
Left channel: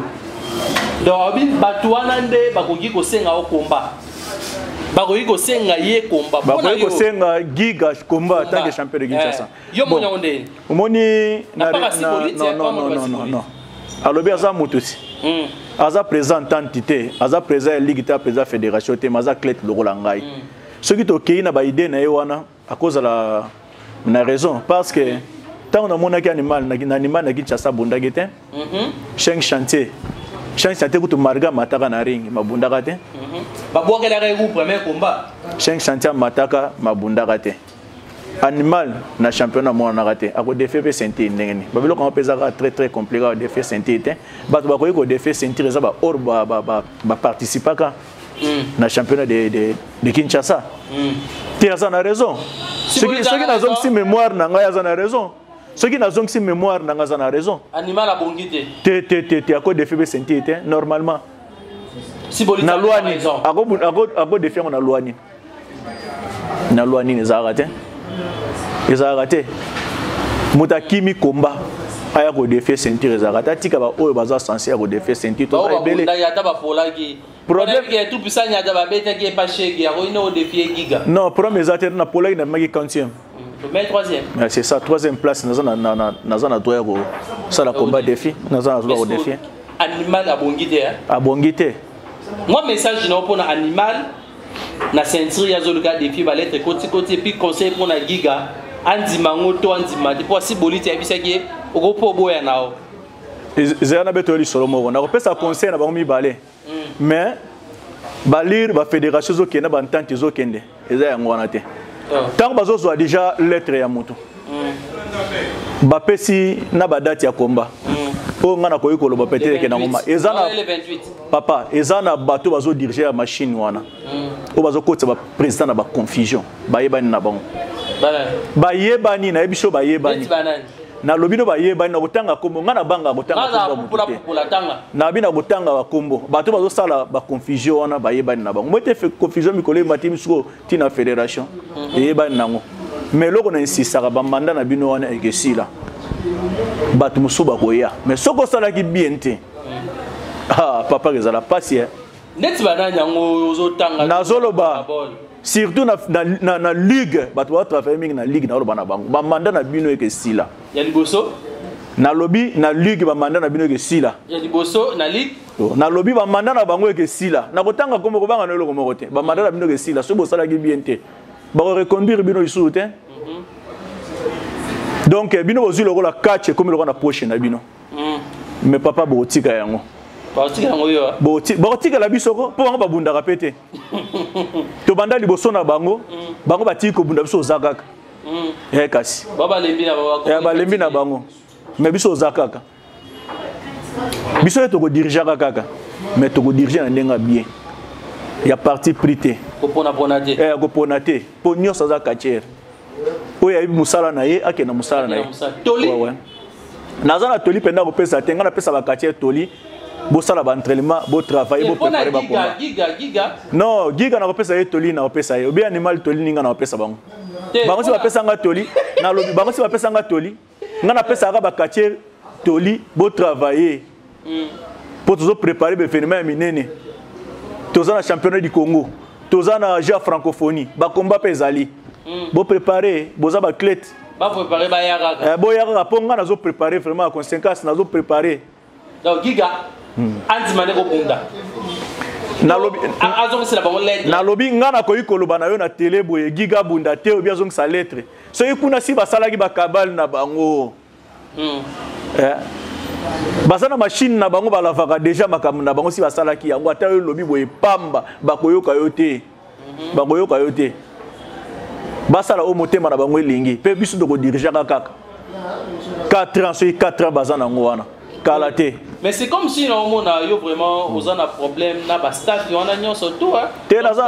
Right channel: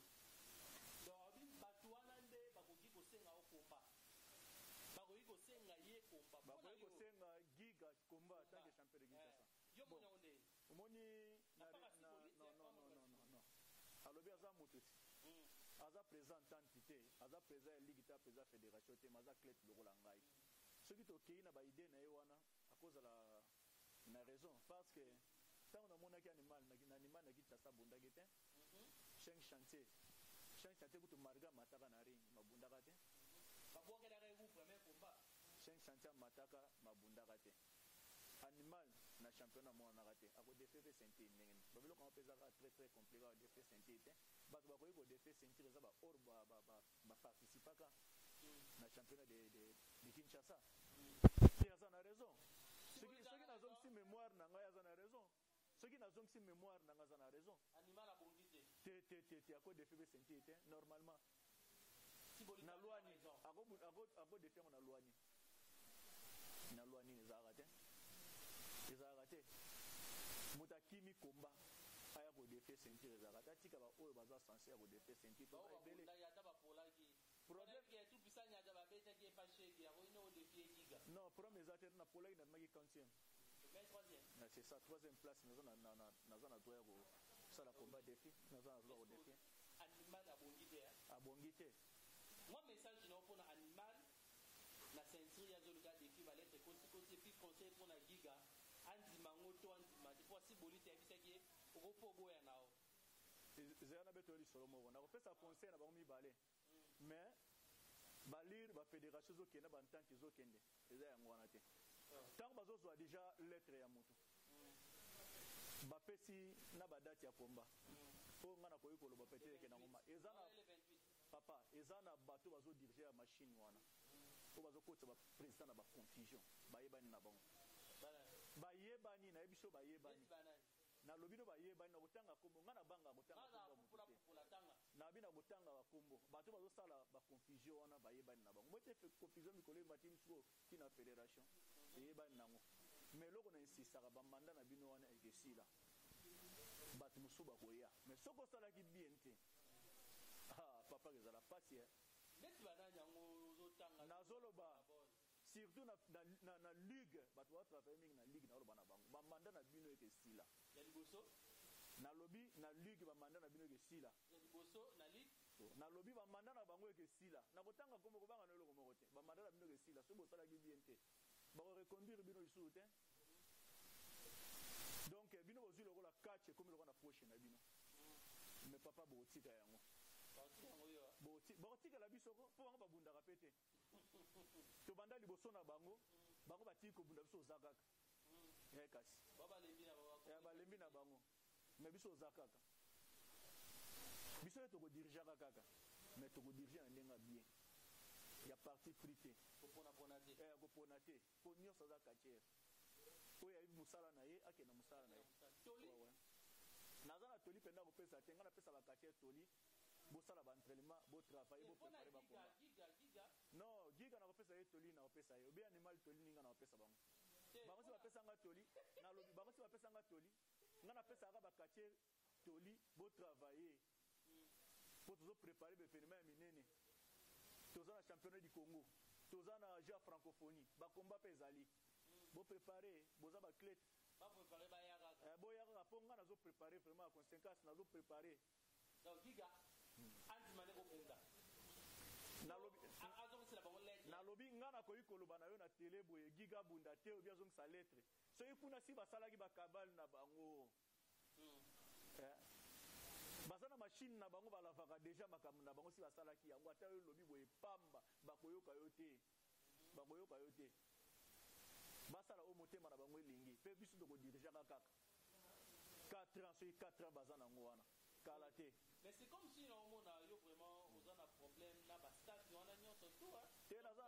donc abi batwana nde ba koki ko senga o combat ba koki ko senga ye combat ba koki ko senga Giga combat tant que champion de Kinshasa yo monya ngondeni omoni non alobi aza mutusi aza présent entité aza présent ligue ta présent fédération te maza clé lokola ngai soki to kei na ba idée na yewana à cause la na raison parce que tant on a monaki animal na Kinshasa bundaki te 5 chantier kutu marga mataka na ring mabundaka te ba bokela ka premier combat 5 chantier mataka mabundaka te animal na championnat mona raté a ko défait pe sentir ndengeni babilo ko pesa très compliqué à défait sentir te ba ko ko défait sentir za ba or ba participer ka na championnat de Kinshasa te za na raison ce qui na zone si mémoire na nga za na raison ce qui na zone si mémoire na nga za na raison animal a bongité te a ko défait pe sentir te normalement si bolita na loi ni a ko défait na loi ni za raté ezarate mutakimi komba aya ko défait ceinture ezarata tika ba oyo baza censé ko défait ceinture to ebele ya ta ba polaki problème que tout puissant ya ta ba beta qui pas chegi ya ko ino défier Giga non problème ezate na polaki na maki 40e mais 3e c'est ça 3e place na droit ko ça la combat défi na droit ko défi animal abongité moi message na pour na animal na ceinture ya zoluka défi ba lettre côté puis conseil pour na Giga andima ngoto andima pour si bolite ya bisaki okopo boya nao ezana betoli solo moko na kopesa conseil na bango mibale mais balir ba fédération zo kenda ba entente zo kende eza yango wana te tant bazo zo déjà lettre ya moto ba pesi na ba date ya combat po ngana ko yikolo ba pété ke na ngoma ezana papa ezana bato bazo diriger la machine wana o bazo kotsa ba président na ba confusion ba yebani na bango ba yebani na ebiso ba yebani na lobino ba yebani na kotanga kombo ngana banga kotanga kombo na bina kotanga ba kombo bato bazo sala ba confusion wana ba yebani na bango mote confusion mikolo matimi suko tina fédération yebani nango mais loko na insisaka ba mandat na bino wana ekesila bato musuba koya mais soko sala ki bien te papa ezala pasi neti bananya ngo ozotanga nazoloba surtout na ligue bato ba travailler mingi na ligue na lo bana bango ba mandat na bino ekesila ya liboso na lobby na ligue ba mandat na bino ekesila ya liboso na ligue na lobby ba mandat na bango ekesila na kotanga kombo ko banga no loko moko te ba mandat na bino ekesila so bo sala ki bien te ba reconduire bino isu te donc bino bozwi lokola catch comme lokola na poche na bino mais papa botika yango botika la bisoko po bango babundaka pete to banda liboso na bango batiki kobunda biso ozakaka kasi balembi na bango mais biso ozakaka biso to ko dirigeaka kaka mais to ko diriger na ndenga bien ya parti prité ko pona te po nyonso za katiere oyo ayebi musala na ye akenda musala na ye naza na toli mpenda kopesa te ngai napesa bakatiere toli bosala baentraînement botravaille boprépare bakomba non Giga na kopesa ye toli na kopesa ye obe animal toli ninga na kopesa bango bango si bapesa nga toli nalobi bango si bapesa nga toli ngai napesaka bakatiere toli botravaille mpo tozoprépare baévénement ya minene toza na championnat du Congo tozana ja francophonie ba combat pezali bo préparer boza ba clé ba préparer ba yaka bo yaka ponga nazo préparer vraiment à conséquence nazo préparer donc giga anti mane ko bunda nalobi nga na koyi koloba na yo na télé boye giga bunda te obi azongisa lettre soki kuna si basalaki bakabale na bango baza na machine na bango balavaka déjà makambo na bango si basalaki yango ata yo lobi boye pamba bakoyoka yo te bakoyoka yo te basala o motema na bango elingi mpe biso tokodirigeaka kaka 4 ans soki 4 ans baza nango wana kala te. Mais c'est comme si on a vraiment aux un problème na ba staff on a nyon surtout hein.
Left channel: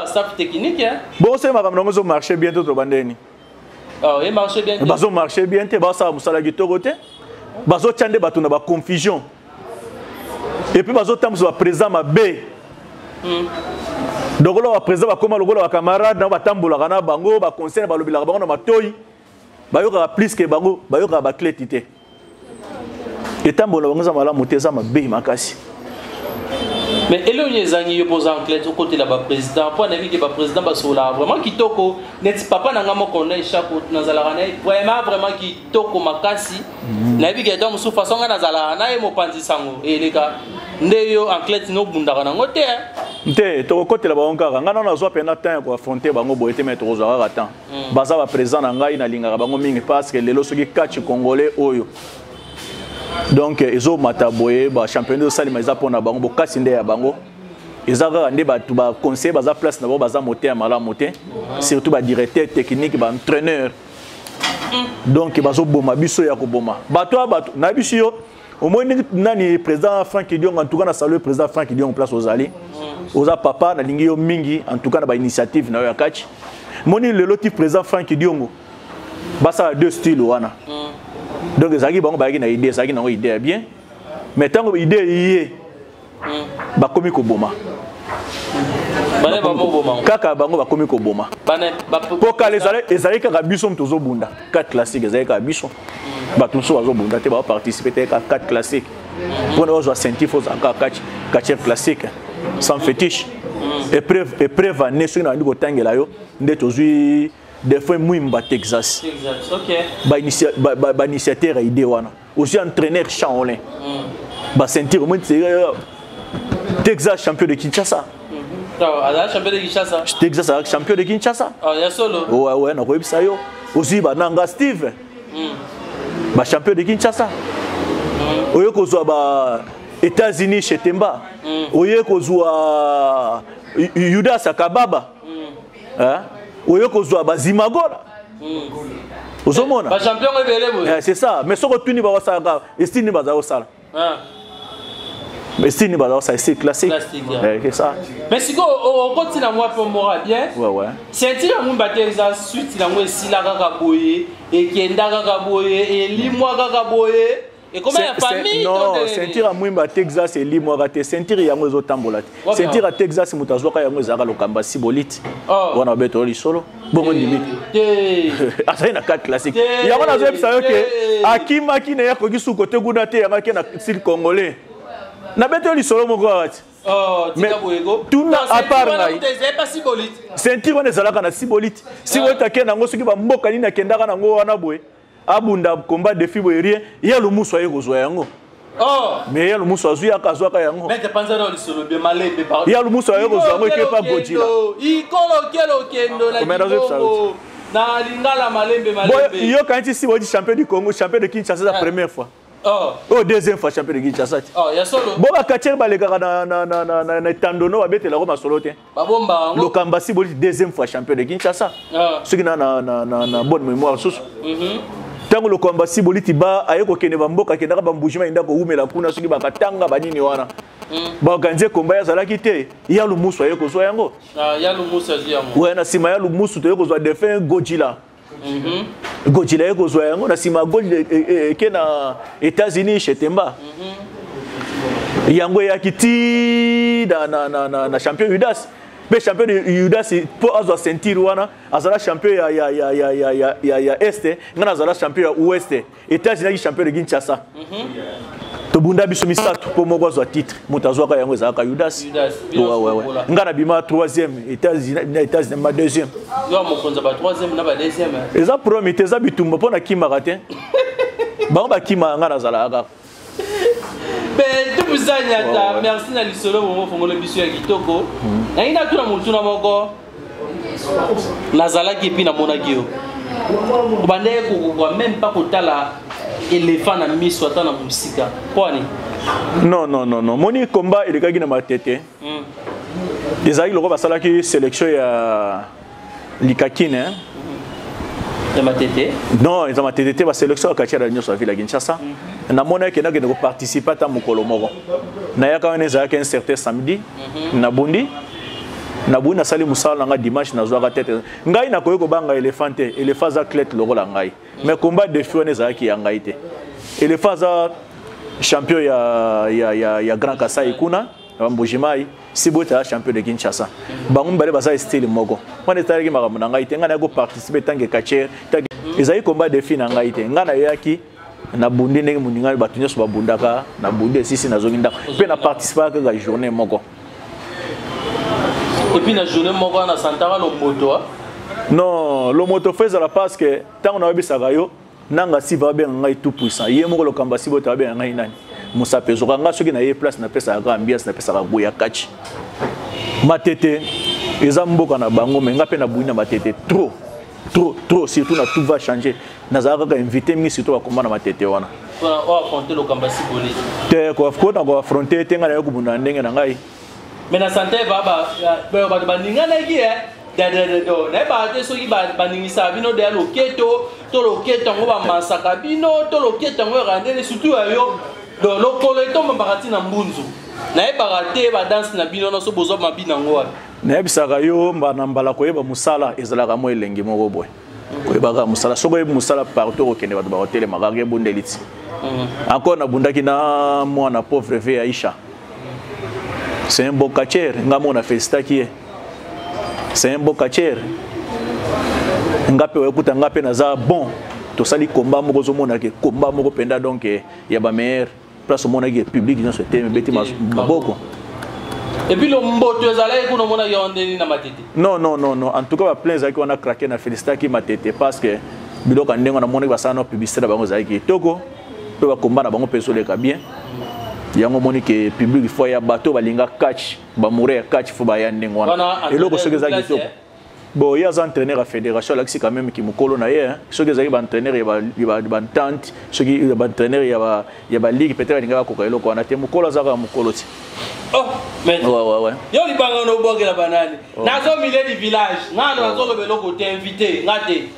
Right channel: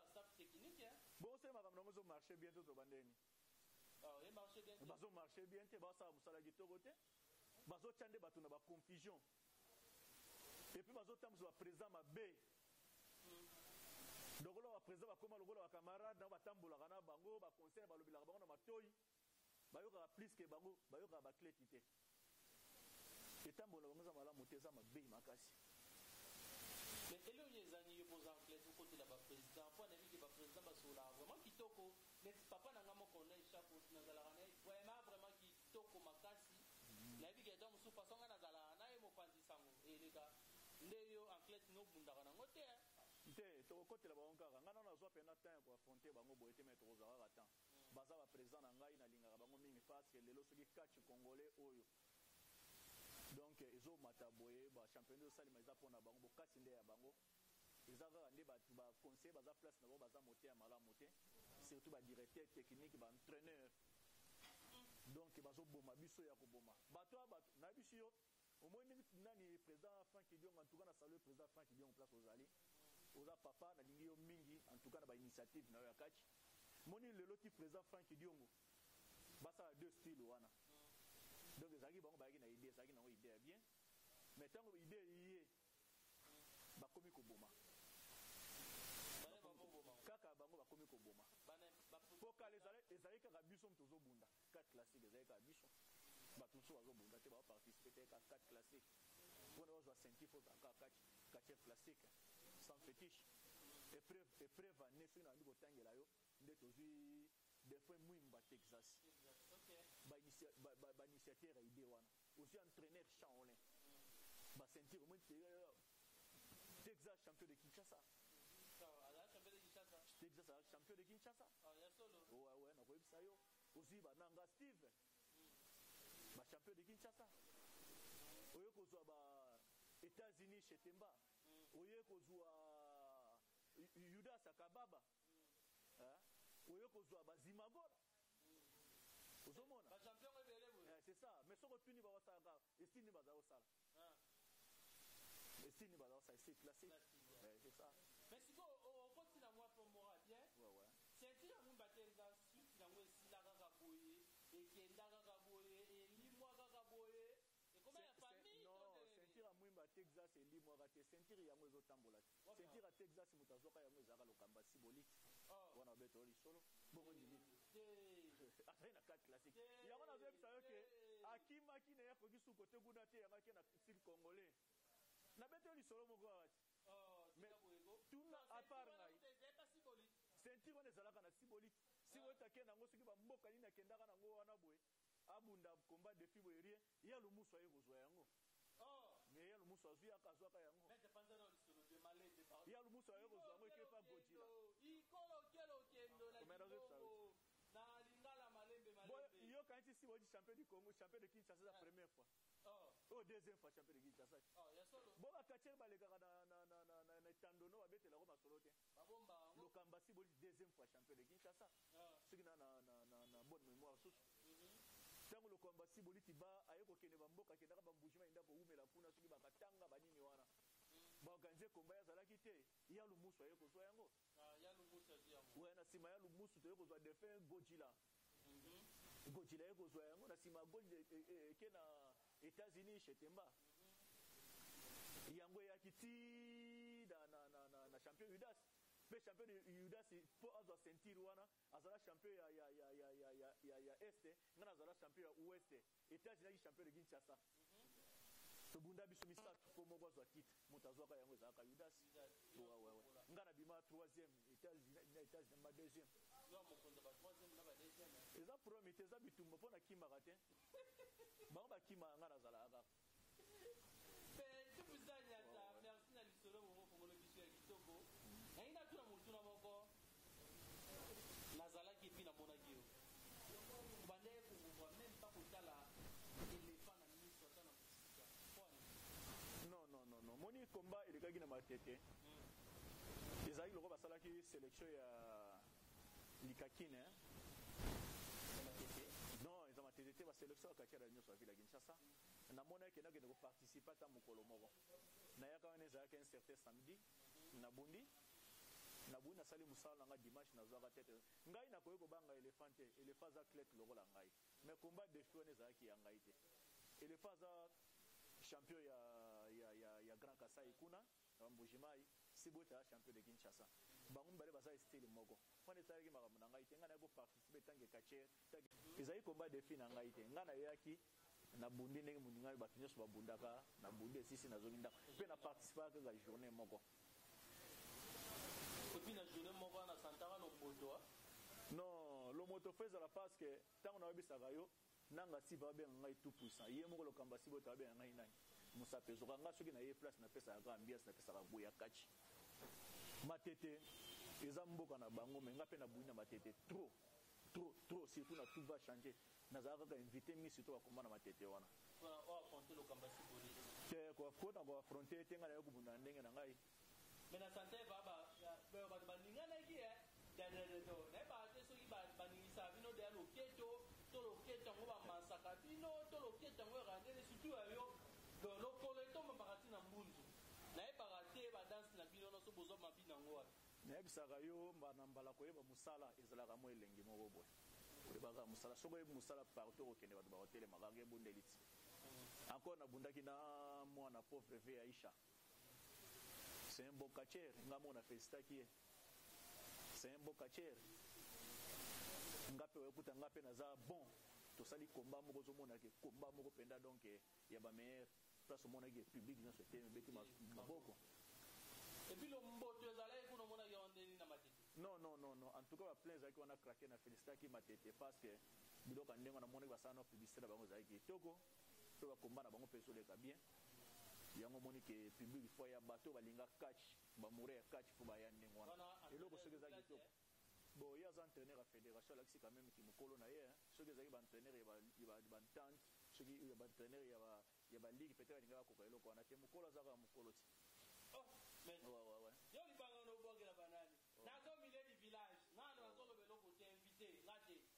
Staff technique hein. Bon c'est ma comme nous marcher bien tout bandeni. Ah et marcher bien. Bazo marcher bien te ba ça musala gitoko te. Bazo tchande batu na ba confusion. Et puis bazo tam so présent ma B. Donc là présent ba koma logola ba camarade na ba tambola kana bango ba conseil ba lobila bango na matoyi. Ba yoka plus que bango ba yoka ba clétité. Et tant bon on a monté ma bé makasi. Mais éloigné zangi yo posa en clé au côté là bas président pour naviguer ba président ba sola vraiment kitoko net papa nanga mo connaît chaque na zalarana vraiment kitoko makasi naviguer donc sous façon na zalarana e mo panzi sango et les gars ndeyo en clé no bundaka nango te nte to côté là ba onka ngana na zo pena temps pour affronter bango boyete mettre aux horaires temps baza ba président na ngai na linga bango mingi parce que lelo soki catch congolais oyo. Donc ils ont mataboye ba championnat de salima ils apona bango bokasi nde ya bango ils ont rendé ba tout ba conseil ba place na ba moté amala moté surtout ba directeur technique ba entraîneur donc bazo boma biso ya ko boma bato na biso yo au moins nani président Franck Dion en tout cas na saluer président Franck Dion en place aux ali oza papa na lingi yo mingi en tout cas na ba initiative na yo catch moni le lotif président Franck Dion ba ça deux styles wana. Donc ça qui bon ba na idée ça qui na idée bien mais tant que idée yé ba komi ko boma bane ba mo boma kaka bango ba komi ko boma bane po ka les ezali kaka biso mtozo bunda 4 classiques ezali kaka biso ba tuso azo bunda te ba participer te 4 classiques pour nous zo sentir faut encore 4 classiques sans fétiche épreuve année sur na ndiko tangela yo nde tozui des fois Mouimba Texas. OK. Ba initiateur idée wana. Aussi entraîneur Chaolin. Ba sentir au moins Texas champion de Kinshasa. Ah, champion de Kinshasa. Texas champion de Kinshasa. Ah, ya solo. Ouais, na ko bisa yo. Aussi ba Nanga Steve. Ba champion de Kinshasa. Oyo ko zo ba États-Unis chez Temba. Oyo ko zo Yudas Akababa. Hein? Oyo kozwa bazimagola ozomona ba champion ebele boye c'est ça mais soko tuni ba wasaka estini baza osala mais estini baza osala c'est classique c'est ça mais siko o continue moi pour moi bien ouais c'est dire mon bateza suite na moi sila kaka boye et kenda kaka boye et limwa kaka boye. Et comment la famille non, sentir à Mwimba Texas et Limo raté sentir yango zo tambola. Sentir à Texas mutazoka yango zaka lokamba sibolite. Wana beto li solo. Bongo limite. Asa na 4 classique. Yango na zo epsa yo ke akima kine ya koki su côté guna te yanga ke na style congolais. Na beto li solo moko wati. Tika boyego. Tout na à part na. Pas sibolite. Sentir wana zalaka na sibolite. Si wota ke nango soki ba mboka ni na kendaka nango wana boye. Abunda combat de fibre rien ya le muso yego zo yango mais ya le muso azu ya kazo ka yango mais dépenser dans le solo bien malembe par ya le muso yego zo yango ke pa Godzilla ikolo kelo kendo la Congo na lingala malembe yo quand si wodi champion du Congo champion de Kinshasa la première fois deuxième fois champion de Kinshasa ya solo bo ba kacher ba le kaka na tandono ba betela ko masolo te ba bomba lo kamba si boli deuxième fois champion de Kinshasa ce qui na bonne mémoire sous tango le combat si boliti ba ayeko kene bamboka kenda ka bambujima inda ko umela kuna soki bakatanga banini wana ba ganze combat ya zalaki te ya lu muso ayeko zo yango ya lu muso yango ouais na sima ya lu muso to yeko zo defend Godzilla Godzilla yeko zo yango na sima Godzilla ke na États-Unis chez Temba yango ya kiti na champion Judas. Le champion de Judas pour avoir sentir wana azala champion ya est ngana azala champion ya ouest États-Unis champion de Kinshasa Tobunda biso misatu pour moko zo titre mutazwaka yango ezaka Judas ouais ngana bima 3e États-Unis ma 2e yo mo konza ba 3e na ba 2e eza premier teza bitumba pona kimaka te bango bakima ngana zala aka ben tout ça nyata merci na lisolo mo fongolo biso ya kitoko na ina tuna mutuna moko nazala ki pi na mona gio bande ko même pas kotala éléphant na miso ata na musika kwani non moni combat il gagi na matete ezali loko basalaki sélection ya likakine ya matete non eza matete te ba sélection ya kachara nyoso vila Kinshasa na mona ke na ko participer ta mukolo moko na yaka wana ezalaki un certain samedi na bundi na sali musala nga dimanche na zwaka tete ngai na koyeko banga éléphant te éléphant za clete lokola ngai mais combat de fio ne zaki ya ngai te éléphant za champion ya Grand Kasai kuna Mbujimai Sibota champion de Kinshasa bango mbale baza style moko wana tari makambo na ngai te nga na ko participer tanke kacher ezali combat de fio na ngai te nga na yaki na bundi ndenge muninga batu nyoso babundaka na bundi sisi na zonginda pe na participer ka journée moko. Et puis la journée moko na santara lo moto non le moto fait la parce que tant on a vu ça gayo nanga si va bien ngai tout puissant yé moko lo kamba si bota bien ngai nani musa peso nga soki na yé place na pesa ga ambiance na pesa ga boya kachi matete eza mboka na bango mais nga pe na buina matete trop surtout na tout va changer nazaka ka inviter mingi surtout ba komana matete wana on affronter lo kamba si bolé te ko affronter te nga na yokubunda ndenge na ngai mais na santé ba baninga na ki do na ba te soki baningisa bino de loketo to loketo ngo ba masaka bino to loketo ngo randele surtout ayo do lokolo to mbakati na mbunzu na e barate ba dance na bino no so bozo mabina ngo na ebisaka yo mbana mbala koyeba musala ezalaka mo elengi moko boy koyeba musala soko yeba musala partout okende ba hotel magage bundeliti encore na bundaki na mwana pauvre ve Aisha. C'est un beau catcher, ngamo na festa qui est. C'est un beau catcher. Ngape wekuta ngape na za bon. To sali combat moko zo mona ke combat moko penda donc ya ba meilleur place mona ke public dans ce thème beti maboko. Et puis le mboto ezala ekuno mona yondeni na matete. Non, en tout cas ba plein zaki on a craqué na félicita ki matete parce que biloko ndengo na mona ba sana publicité na bango zaki toko pe ba combat na bango pesole ka bien. Yango monique public faut ya bateau balinga catch ba mourir catch faut ba yande ngwana et loko soki zaki to bon ya za entraîneur à fédération là quand même qui mukolo na ye soki zaki ba entraîneur ya ba tante soki ba entraîneur ya ba ligue peut-être linga ko ka eloko wana te mukolo za ka mukolo ti oh mais ouais yo li banga no bogela banani nazo milieu du village ngana nazo lo beloko te invité ngate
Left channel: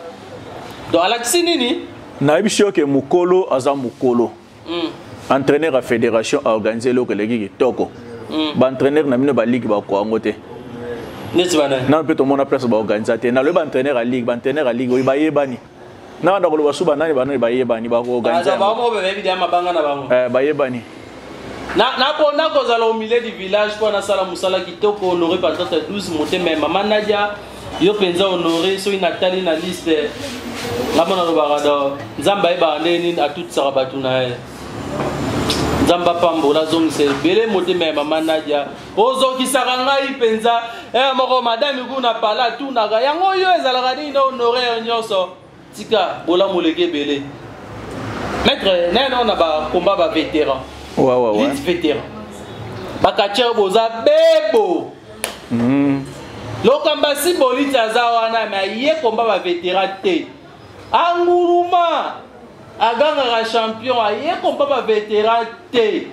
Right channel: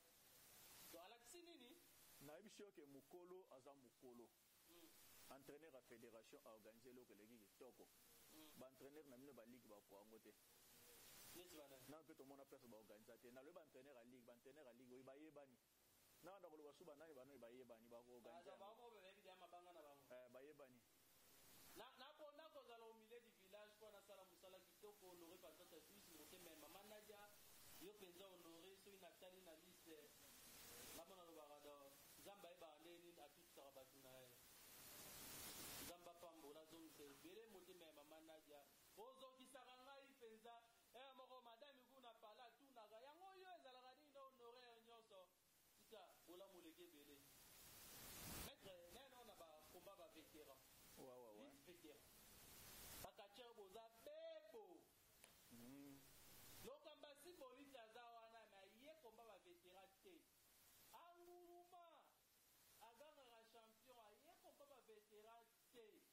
do alaxi nini na ebisho ke mukolo aza mukolo entraîneur à fédération a organisé le collègue toko ba entraîneur na mino ba ligue ba ko ngote neti bana na peut to mona place ba organisateur na le ba entraîneur à ligue oui ba yebani na ndako lo basuba nani ba yebani ba ko organisateur ba mo be bien mabanga na bango ba yebani na pona ko zala au milieu du village pour na sala musala kitoko honoré par 12 monter même maman Nadia yo penza honoré so inatali na liste ngabona lo barado nzamba eba ndeni a toute sarabatu na Zamba pambola zong se bele mote me mama Nadia ozo kisaka ngai penza moko madame kuna pala tu naga yango yo ezalaka ni no honoré nyoso tika bola moleke bele maître neno na ba combat ba vétéran ouais vétéran ba kacher boza bebo lokamba si bolita za wana ma ye combat ba vétéran te anguruma aganga champion aye kompa ba vétéran te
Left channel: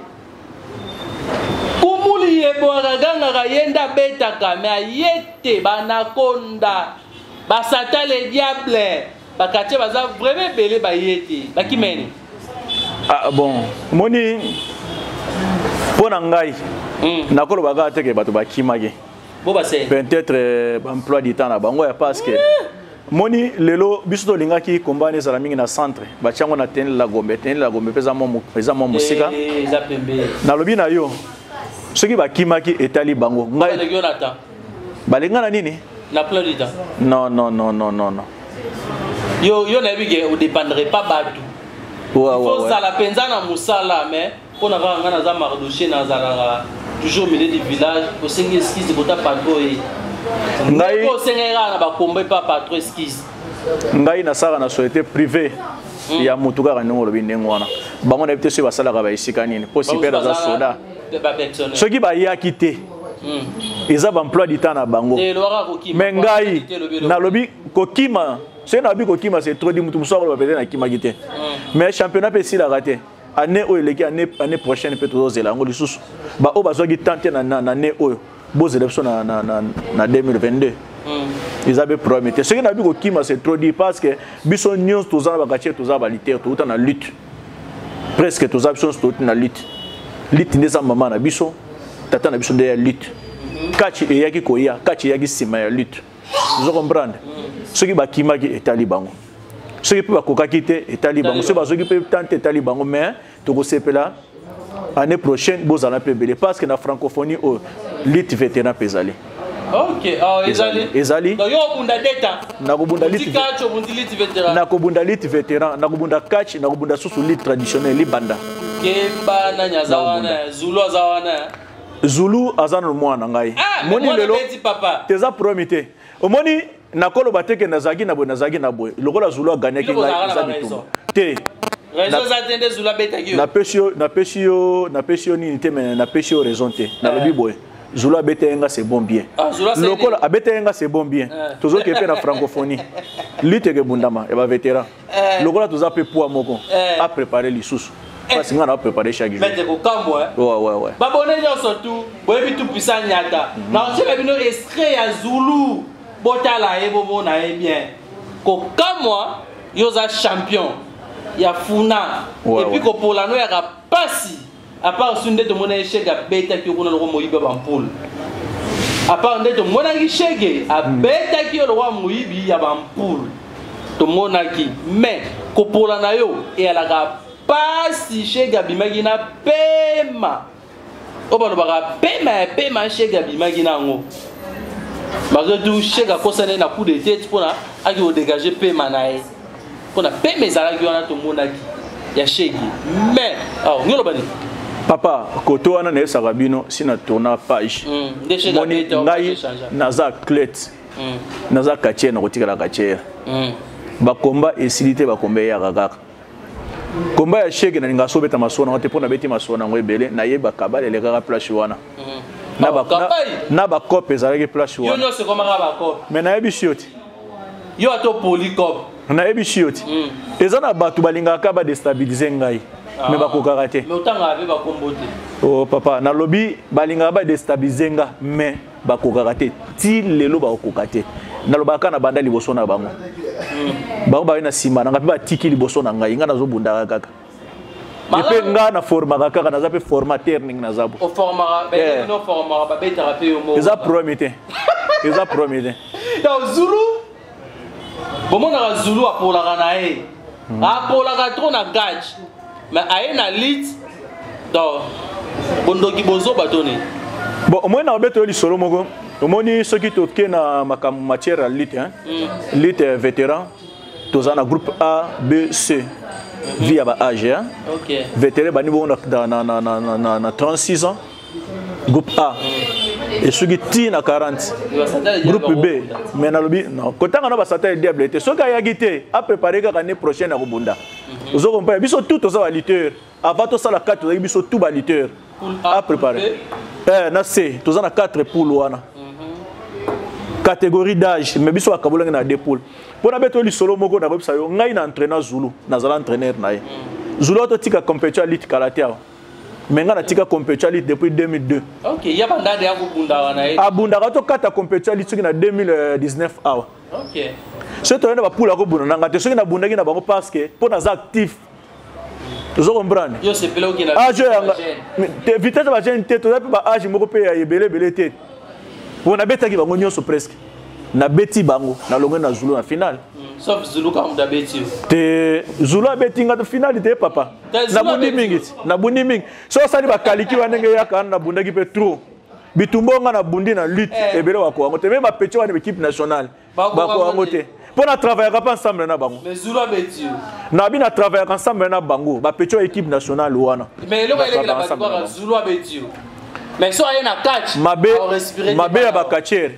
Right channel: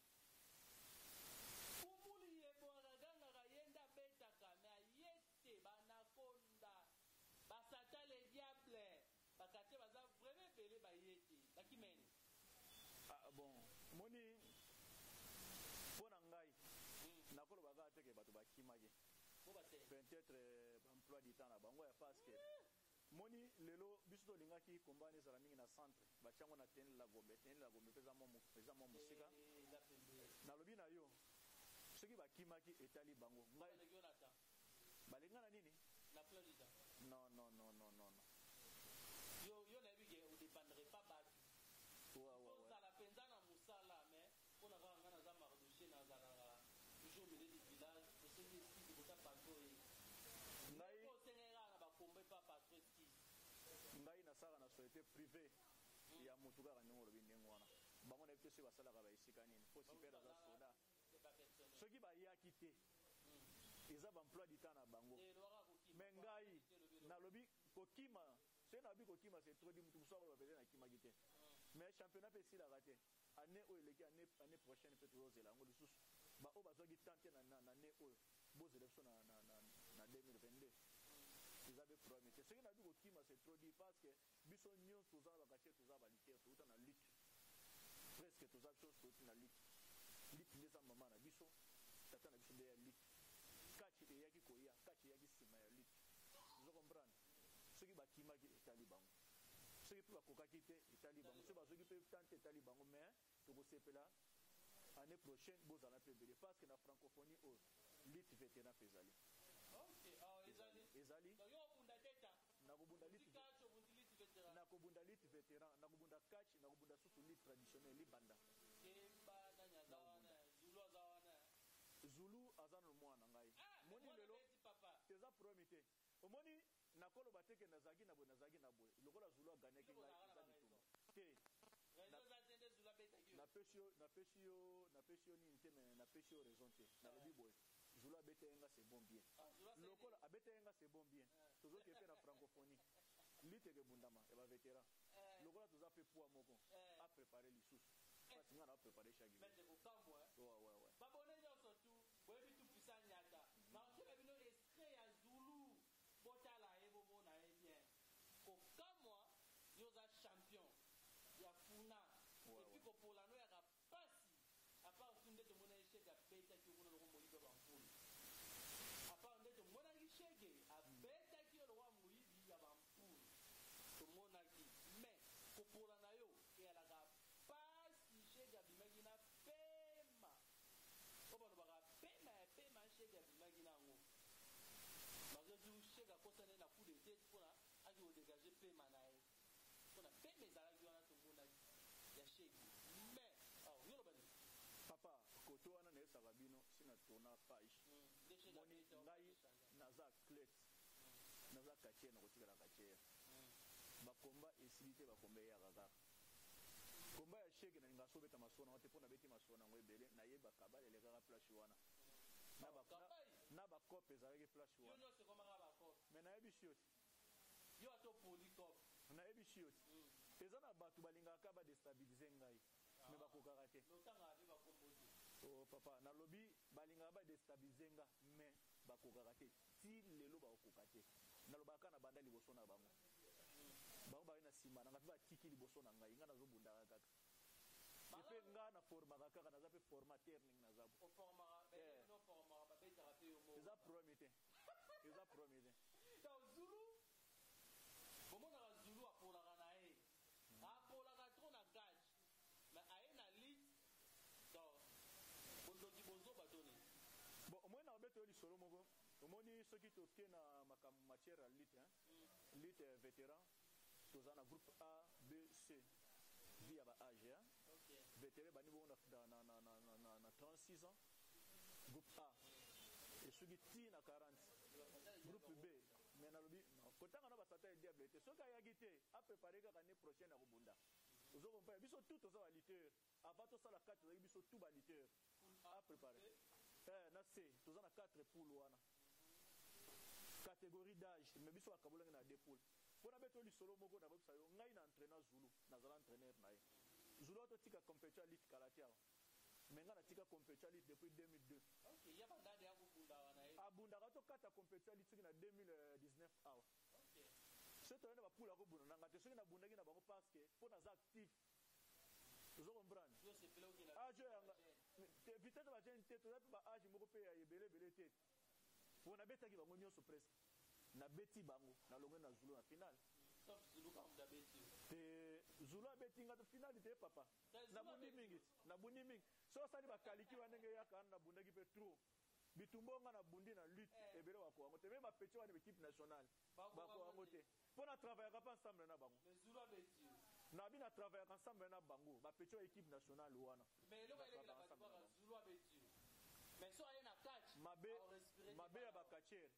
kumuli yebo aganga yenda betaka me ayete banakonda basata le diable bakate baza vraiment belé bayete bakimeni ah bon moni pona ngai nakolo baga teke bato bakimage bo basé peut-être emploi du temps na bango ya parce que moni lelo biso lingaki combat ezala mingi na centre bachango na tenela la gombe pesa mo musika na lobi na yo soki bakimaki etali bango ngai balinga na nini na plein du temps non yo na bige ou dépendrait pas batu ouais faut ça la penza na musala mais pour n'avoir un azar mardoché dans la toujours milieu du village au 5 esquisses pour ta patrouille. Ngai au 5 na ba combat pas patrouille esquisse. Ngai na sara na société privée ya mutuka ka ndongo lobi ndengwana. Bango na bitese basala ka ba isika nini. Possible za soda. Ce qui va y a quitté. Ils ont emploi du temps na bango. Mais ngai na lobi kokima, c'est na bi kokima c'est trop di mutu musoro ba peut-être na kima quitté. Mais championnat peut si la raté. Année où les année prochaine peut toujours zelango lisusu. Ba o bazwa gi tenter na année où beaux élections na 2022. Ils avaient promis. Ce qui n'a bi kokima c'est trop dit parce que biso news tous en ba kache tous ba liter tout en lutte. Presque tous options tout na lutte. Lutte ndeza mama na biso. Tata na biso de lutte. Kachi e yaki koya, kachi yaki sima ya lutte. Vous comprenez? Ce qui ba kimaki est talibango. Ce qui peut ba kokakite est talibango. Ce qui peut tenter talibango mais to go sepela année prochaine bozala pe belé parce que na francophonie au lutte vétéran pesali. OK, ezali. Donc yo bunda data. Na ko bunda lutte. Kachi bundi lutte vétéran. Na ko bunda lutte vétéran, na ko bunda kachi, na ko bunda susu lutte traditionnelle libanda. Kemba na nyazawana, Zulu azawana. Zulu azana mwana ngai. Moni lelo papa. Teza promité. Omoni nakolo bateke nazagi na boy. Lokola Zulu a gagné ki ngai zabitumba. Te. Raison zatende Zulu betaki. Na pesio ni te mais na pesio raison te. Na lobi boy. Zulu a betenga c'est bon bien. Lokola a betenga c'est bon bien. Toujours que pe na francophonie. Lutte ke bundama e ba vétéran. Lokola toza pe poa moko a préparer lisusu. Parce que on a préparé chaque jour. Mais kokambo ouais. Babone surtout, boyebi tout puissant nyata. Na chebe bino extrait ya Zulu. Botala e bobo na e bien. Kokamwa yoza champion. Ya funa. Et puis ko polano ya kapasi. À part sunde to mona chega beta ki kuna lo moyiba bampul. À part nde to mona ki chege a beta ki lo wa moyibi ya bampul. To mona ki mais ko polana yo e ala ka pasi chega bimagina pema. Obano baka pema chega bimagina ngo. Malgré tout chega kosane na coup de tête pour na aki o dégager pema na e. Pour na pema ezala ki wana to mona ki ya chegi. Mais ngolo bani papa koto wana na sarabino sina tourna page. Moni ngai naza clet. Naza kache na kotika la kache. Ba combat esilité ba combat ya kaka. Combat ya chege na ninga sobeta masona te pona beti masona ngo ebele na yeba kabale le kaka place wana. Na ba cop ezalaki place wana. Yo no se komaka ba cop. Mais na yebi shioti. Yo ato polycop. Na yebi shioti. Ezana batu balingaka ba déstabiliser ngai. Mais ba kokaka te. Mais otanga ave ba kombote. Oh papa na lobi balingaka ba déstabiliser nga mais ba kokaka te. Ti lelo ba kokaka te. Na lobaka na banda liboso na bango. Bango ba na sima na ngapi ba tiki liboso na ngai nga nazo bunda kaka. Epe nga na forma kaka na zape formateur ning na zabo. O forma ba no forma ba beta rape yo mo. Eza promité. Eza promité. Donc Zulu bomona Zulu apola na e. Apola ka trop na gage. Mais aye na lit donc bondoki bozo batoni. Bon au moins na beto li solo moko. Omoni ceux qui toquent na matière lutte hein. Lutte vétéran. Tozana groupe A, B, C. Via ba âge hein. OK. Vétéran bani bon na 36 ans. Groupe A. Et ceux qui tirent na 40. Groupe B. Mais na lobi non. Kotanga na ba sata diable te. Ceux qui a gité a préparé ka l'année prochaine à Bunda. Vous comprenez biso tout ça lutteur. Avant tout ça la 4 biso tout ba lutteur. A préparé. Na C, tozana 4 poules wana. Catégorie d'âge mais biso akabola na 2 poules. Pour na beto li solo moko na bebisa yo ngai na entraîneur Zulu, na zala entraîneur na ye. Zulu to tika compétition lutte karaté. Mais nga na tika compétition lutte depuis 2002. OK, ya banda de akubunda wana e. Abunda ka to kata compétition lutte na 2019 awa. OK. Ce to na ba poule ko bunda nga te soki na bunda ki na bango parce que pour na za actif. Vous comprenez? Yo se pelo ki na. Âge yanga. Te vitesse ba jeune te to ba âge moko pe ya ebele te. Pour na beta ki bango nyonso presque. Na beti bango na longo na Zulu na finale. Sauf Zulu comme da beti. Te Zulu a beti nga de finale te papa. Na bundi mingi. Na bundi mingi. So sali ba kaliki wanenge yaka na bunda ki pe trop. Bitumbo nga na bundi na lutte ebele wako wango te même ba petit wa équipe nationale. Bako wango te. Pour na travailler ensemble na bango. Mais Zulu abeti. Na bi na travailler ensemble na bango, ba petio équipe nationale wana. Mais le est la battre Zulu abeti. Mais so ayé na catch. Mabe ya ba catcher.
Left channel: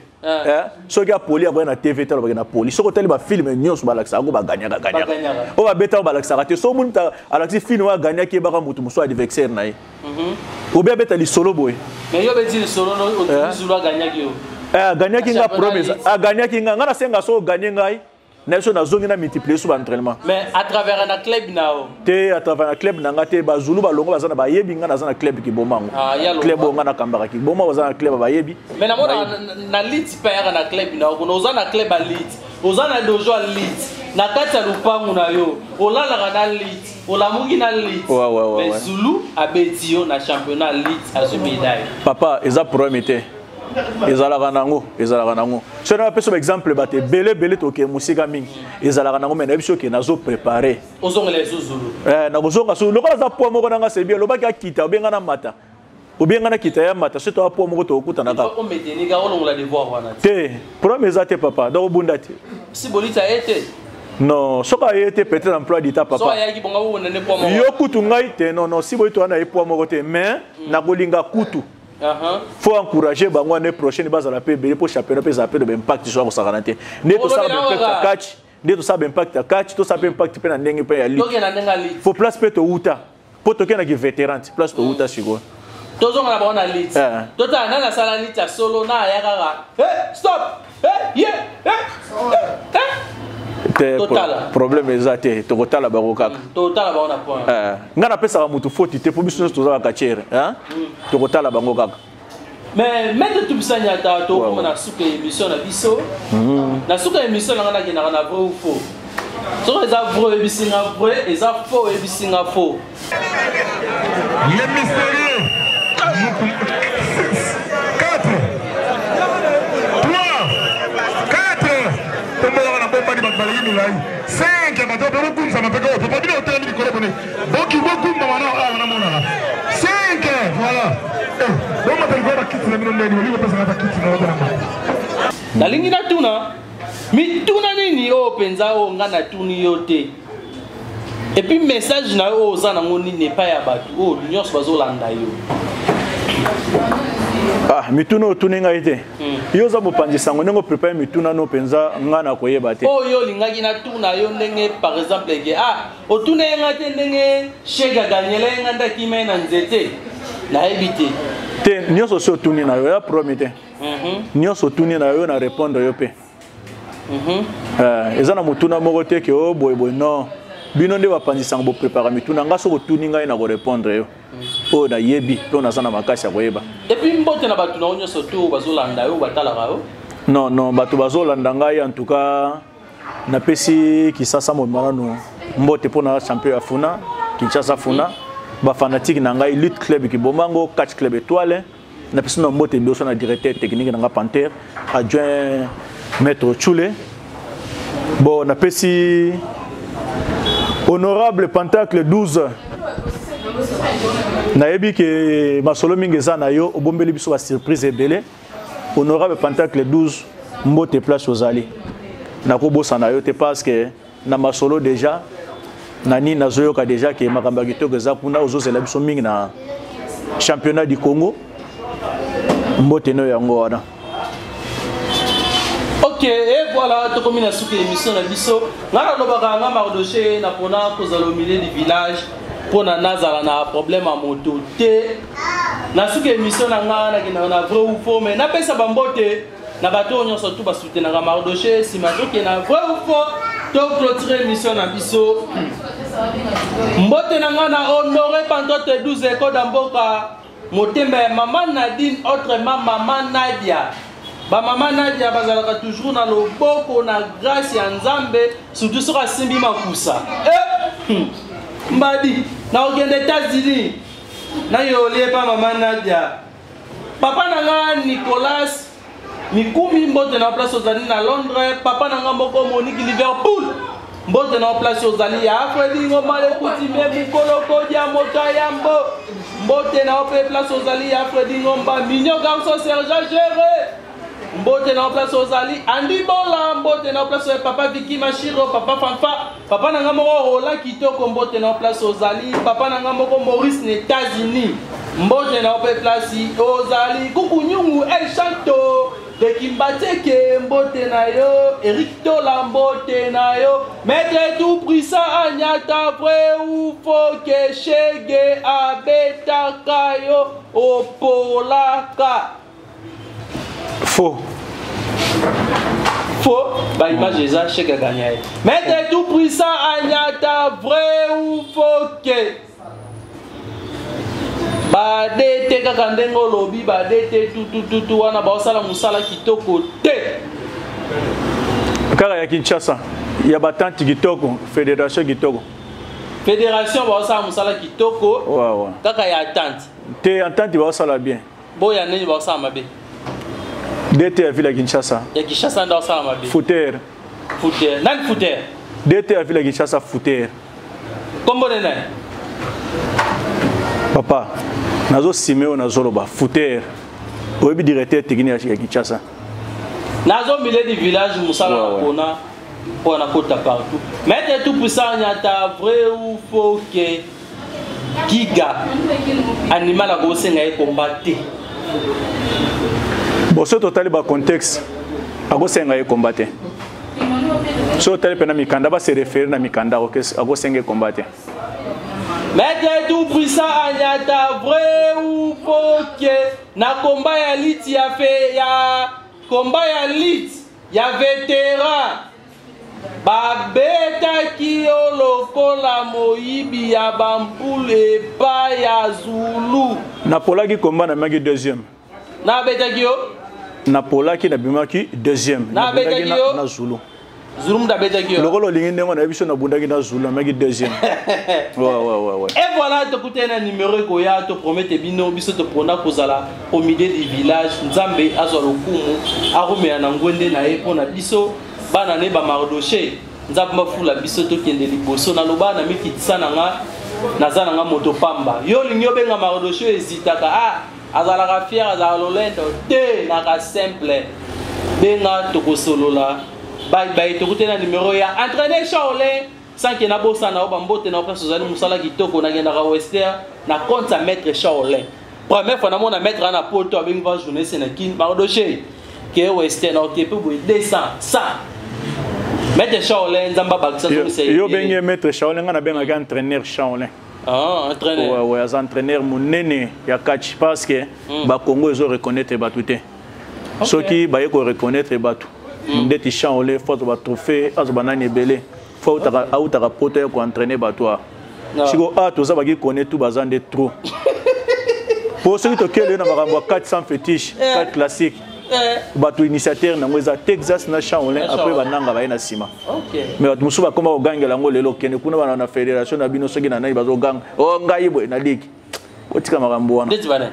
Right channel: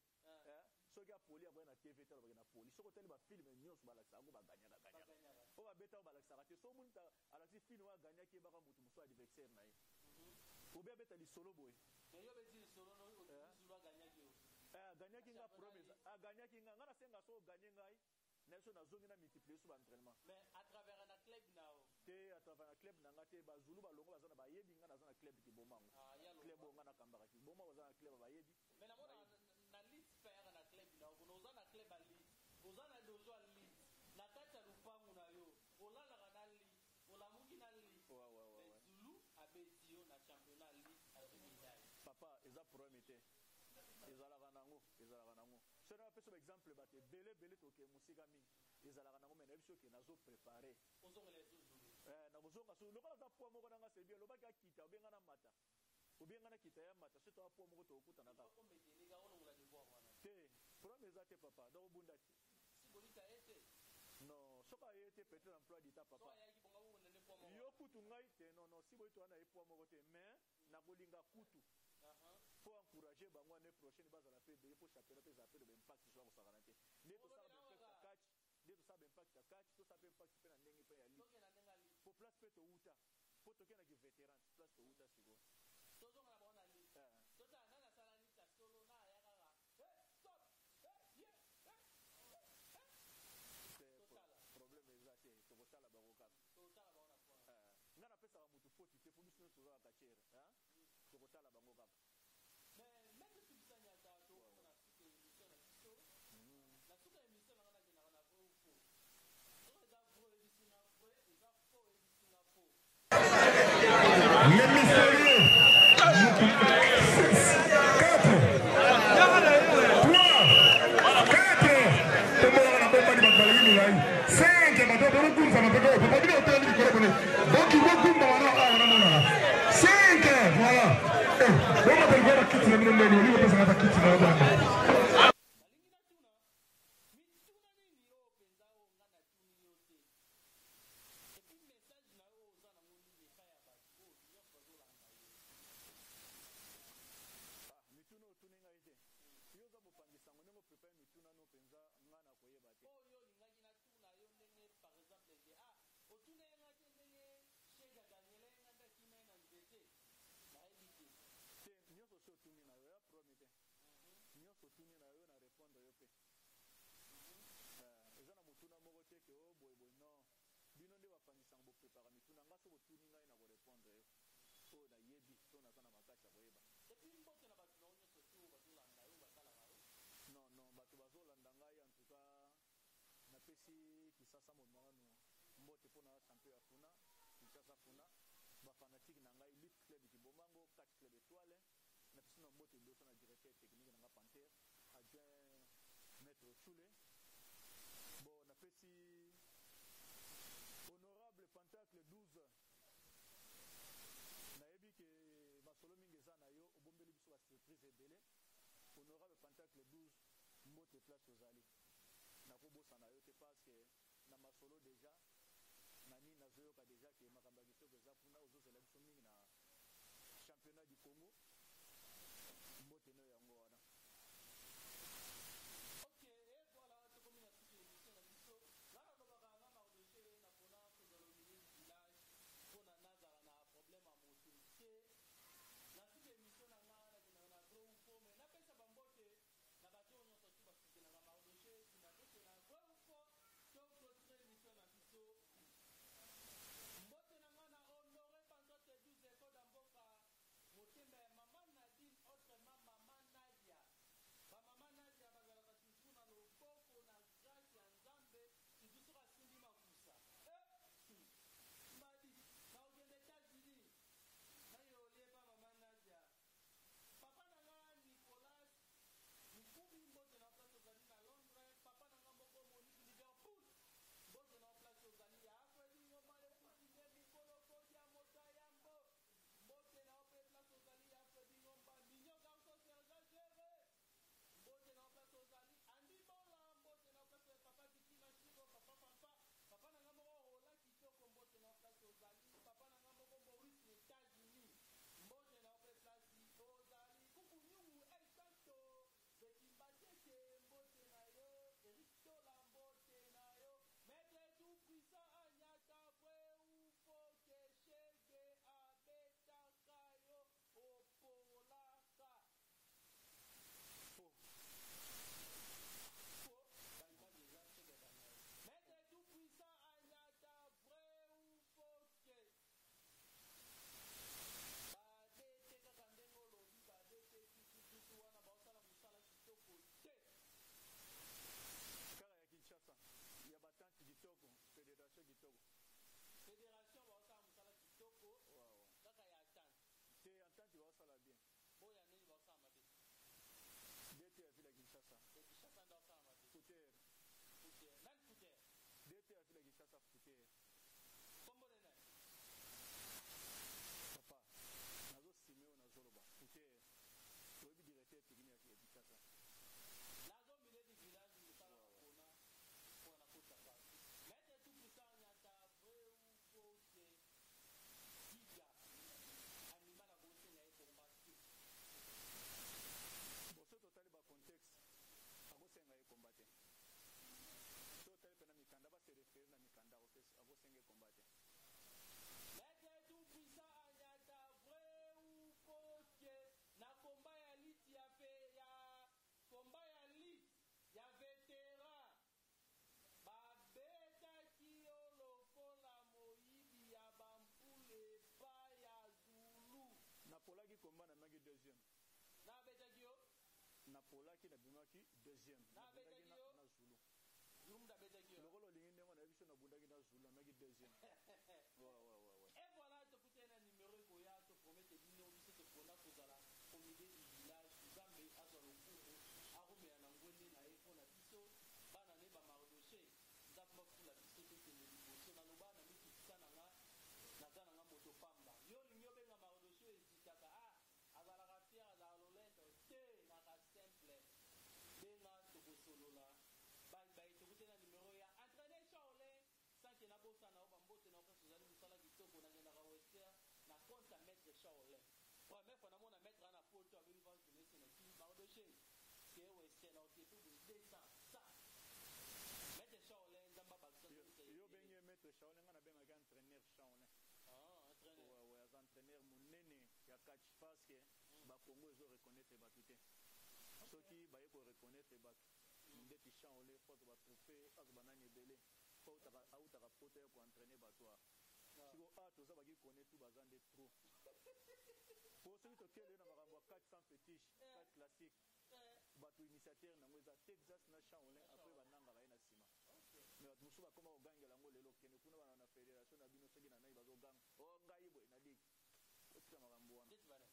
So ga poli aba na TV talo ba na poli. So ko tele ba film nyos ba laksa go ba gagna. O ba beta ba laksa te so munta alaksi film wa gagna ki ba ka mutu muso adversaire na ye. Ou bien beta li solo boy. Mais yo beti li solo no Zulu gagna ki yo. Gagna ki nga promesse. Gagna ki nga ngana senga so gagner ngai. Na so na zongi na multiplier sur entraînement. Mais à travers un club nao. Te à travers un club nanga te ba Zulu ba longo ba zana ba yebi nga na zana club ki bomango. Club nga na kambara ki boma ba zana club ba yebi. Mais na mona na lit pa na club nao ko ozana club ba lit. Ozana dojo lit. Na kati ya lupangu na yo. Olala na lit. Olamugi na lit. Mais Zulu abeti yo na championnat lit à ce médaille. Papa, eza problème était. Ezalaka nango. So na peso exemple bate belé to ke musika mingi. Ezalaka nango mais na biso ke nazo préparer. Ozongele Zulu. Na kozonga so lokola za poa moko nanga sebi lobaki akita obenga na mata. Obenga na kita ya mata seto poa moko to okuta ka. Ko meteni ga olongola devoir wana. Te, problème ezate papa, do bunda te. Si bolita été. Non, soka a été peut-être emploi d'état papa. Soka yaki bonga wona ne poa moko. Yo kutu ngai te non si bolito na poa moko te mais na kolinga kutu. Faut encourager bango l'année prochaine base à la PB pour championnat peut zapper de impact sur sa garantie. Ne to ça impact à catch, ne to ça impact à catch, to ça impact pe na ndenge pe ya ligue. Faut place pe to uta. Pour to kena ki vétéran, place to uta sigo. Tozo na bona lit. Tota na sala lit ya solo na ya kaka. Hey, stop. Hey, yeah. Problème exact to kotala baroka totala ba on a point ngana pesa mutu faute te pour biso to za ka chere hein to kotala bango kaka mais mettre tout ça nyata to comme na suka émission na biso na suka émission na ngana kina na vrai ou faux so les vrai bisinga vrai et ça faux et bisinga faux le mystérieux 4 5 bateau pour le coup ça m'a fait quoi pas dire autant de colonne donc il va coup maman ah maman 5 voilà bon ma belle va quitter le monde ni va passer à quitter la ligne na tuna mi tuna nini o penza o ngana tuni yote et puis message na o za na ngoni ne pas ya batu o nyos bazolanda yo mituna otuninga ite yo za bopandisa ngo nengo prepare mituna no penza ngana koyeba te o yo lingaki na tuna yo ndenge par exemple ke otuna ngate ndenge shega ganyela nganda kimena nzete na ebite te nyoso so tuni na yo ya promete nyoso tuni na yo na répondre yo pe eza na mutuna moko te ke o boy non bino nde bapandisa ngo prepare mituna nga so tuninga na ko répondre yo o na yebi to na sana makasi ya koyeba et puis mbote na batu na onyo soto bazolanda yo batalaka yo non batu bazolanda ngai en tout cas na pesi kisasa mo manano mbote pona champion ya funa Kinshasa funa ba fanatique na ngai lutte club ki bomango catch club étoile na pesi na mbote ndoso na directeur technique na nga Panther adjoint maître Chule bon na pesi honorable Pentacle 12 nayebi ke masolo mingi eza na yo obombeli biso ba surprise ebele honorable Pentacle 12 mbote place ozali nakobosa na yo te parce que na masolo déjà nani nazoyoka déjà ke makambo ya kitoko eza kuna ozozela biso mingi na championnat du Congo mbote no yango wana. Ok, et voilà, tout comme il a soufflé l'émission de Bisso. Nous avons mardoché pour au milieu du village pour na problème à moto. Na souke émission na vrai ou faux mais na pesa bambote na bato on surtout ba soutenir na mardoché si mato que na vrai ou faux to clôturer émission na Bisso. Mbote na honoré Pantote 12 éco d'amboka motembe maman Nadine autrement maman Nadia. Ba maman Nadia bazalaka toujours na loboko na grâce ya Nzambe surtout sur asimbi makusa. Mbadi na ogende États-Unis na yolie pa maman Nadia. Papa nanga Nicolas mikumi mbote na place ozali na Londres, papa nanga moko Monique Liverpool. Mbote na place ozali ya Fredi ngomale kuti me mukoloko dia moto yambo. Mbote na place ozali ya Fredi ngomba minyo garçon Serge Géré. mbote na place ozali andi bola mbote na place papa Vicky Machiro papa Fanfa papa na ngamoko Rola kitoko mbote na place ozali papa na ngamoko Maurice na États-Unis mbote na place ozali kukunyungu El Chanto de Kimbateke mbote na yo Eric Tola mbote na yo maître tout prisa anyata vrai ou faux que chege abeta kayo opolaka faux. Faux, bah image déjà chez gagné. Mettez tout puissant Agnata vrai ou faux que. Bah dété kakandengo lobby bah dété tout wana ba osala musala kitoko te. Kaka ya Kinshasa, ya batante kitoko, fédération kitoko. Fédération ba osala musala kitoko. Ouais. Kaka ya attente. Te entente ba osala bien. Boya neni ba osala mabe. DT à Ville Kinshasa. Ya Kinshasa ndo osala mabe. Footer. Nan footer. DT à Ville Kinshasa footer. Kombo nena. Papa, nazo Simeo nazoloba footer. Oyebi directeur technique ya Kinshasa. Nazo milieu du village musala kona pour na kota partout. Mettez tout puissant nyata vrai ou faux que Giga animal a gossé ngaye combattre. Bon, ce total ba contexte a gossé ngaye combattre. Ce total pena mikanda ba se référer na mikanda a gossé ngaye combattre. Mettez tout puissant nyata vrai ou faux que na combat ya lit ya fait ya combat ya lit ya vétéran. Babeta kio lokola moyibi ya bampule pa ya Zulu. Napolaki combat na maki deuxième. Na beta kio? Napolaki na bimaki deuxième. Na beta kio? Na Zulu. Zulu mda beta kio? Lokolo lingi ndengo na biso na bundaki na Zulu na maki deuxième. Ouais. Et voilà, tu écoutes un numéro que ya te promette bino biso te prona kozala au milieu du village Nzambe azolo kumu arumé na ngwende na epona biso. Bana ne ba Mardoché nzamba fula biso to kende liboso na loba na mikitisa na nga nazana nga moto pamba yo linyo benga Mardoché ezitaka azala fier azala lolendo te na ka simple benga tokosolola bye to kutena numéro ya entraîner Shaolin sans que na bossa na ba mbote na place ozali musala kitoko na ngenda ka Western na compte sa maître Shaolin première fois na mona maître na poto avec va journée sénakin Mardoché que Western OK pour 200 100 Maître Shaolin Zamba Baksa yo benye maître Shaolin ngana benga entraîneur Shaolin. Entraîneur. Ouais, az entraîneur munene ya catch parce que ba Congo ils reconnaître batuté. Ceux qui ba yeko reconnaître batu. Ndeti Shaolin faut ba trophée azo banani belé. Faut ta poto ko entraîner batu. Siko toza ba ki connaître tout bazande trop. Pour ceux qui tokele na makambo 400 fétiche, 4 classiques. Batu initiateur na ngweza Texas na Shaolin après bananga ba na sima. OK. Mais batu musuba koma ogangela ngo lelo kene kuna bana na fédération na bino soki na nai bazo gang. O ngai boy na ligue. Otika makambo wana. Ndeti bana.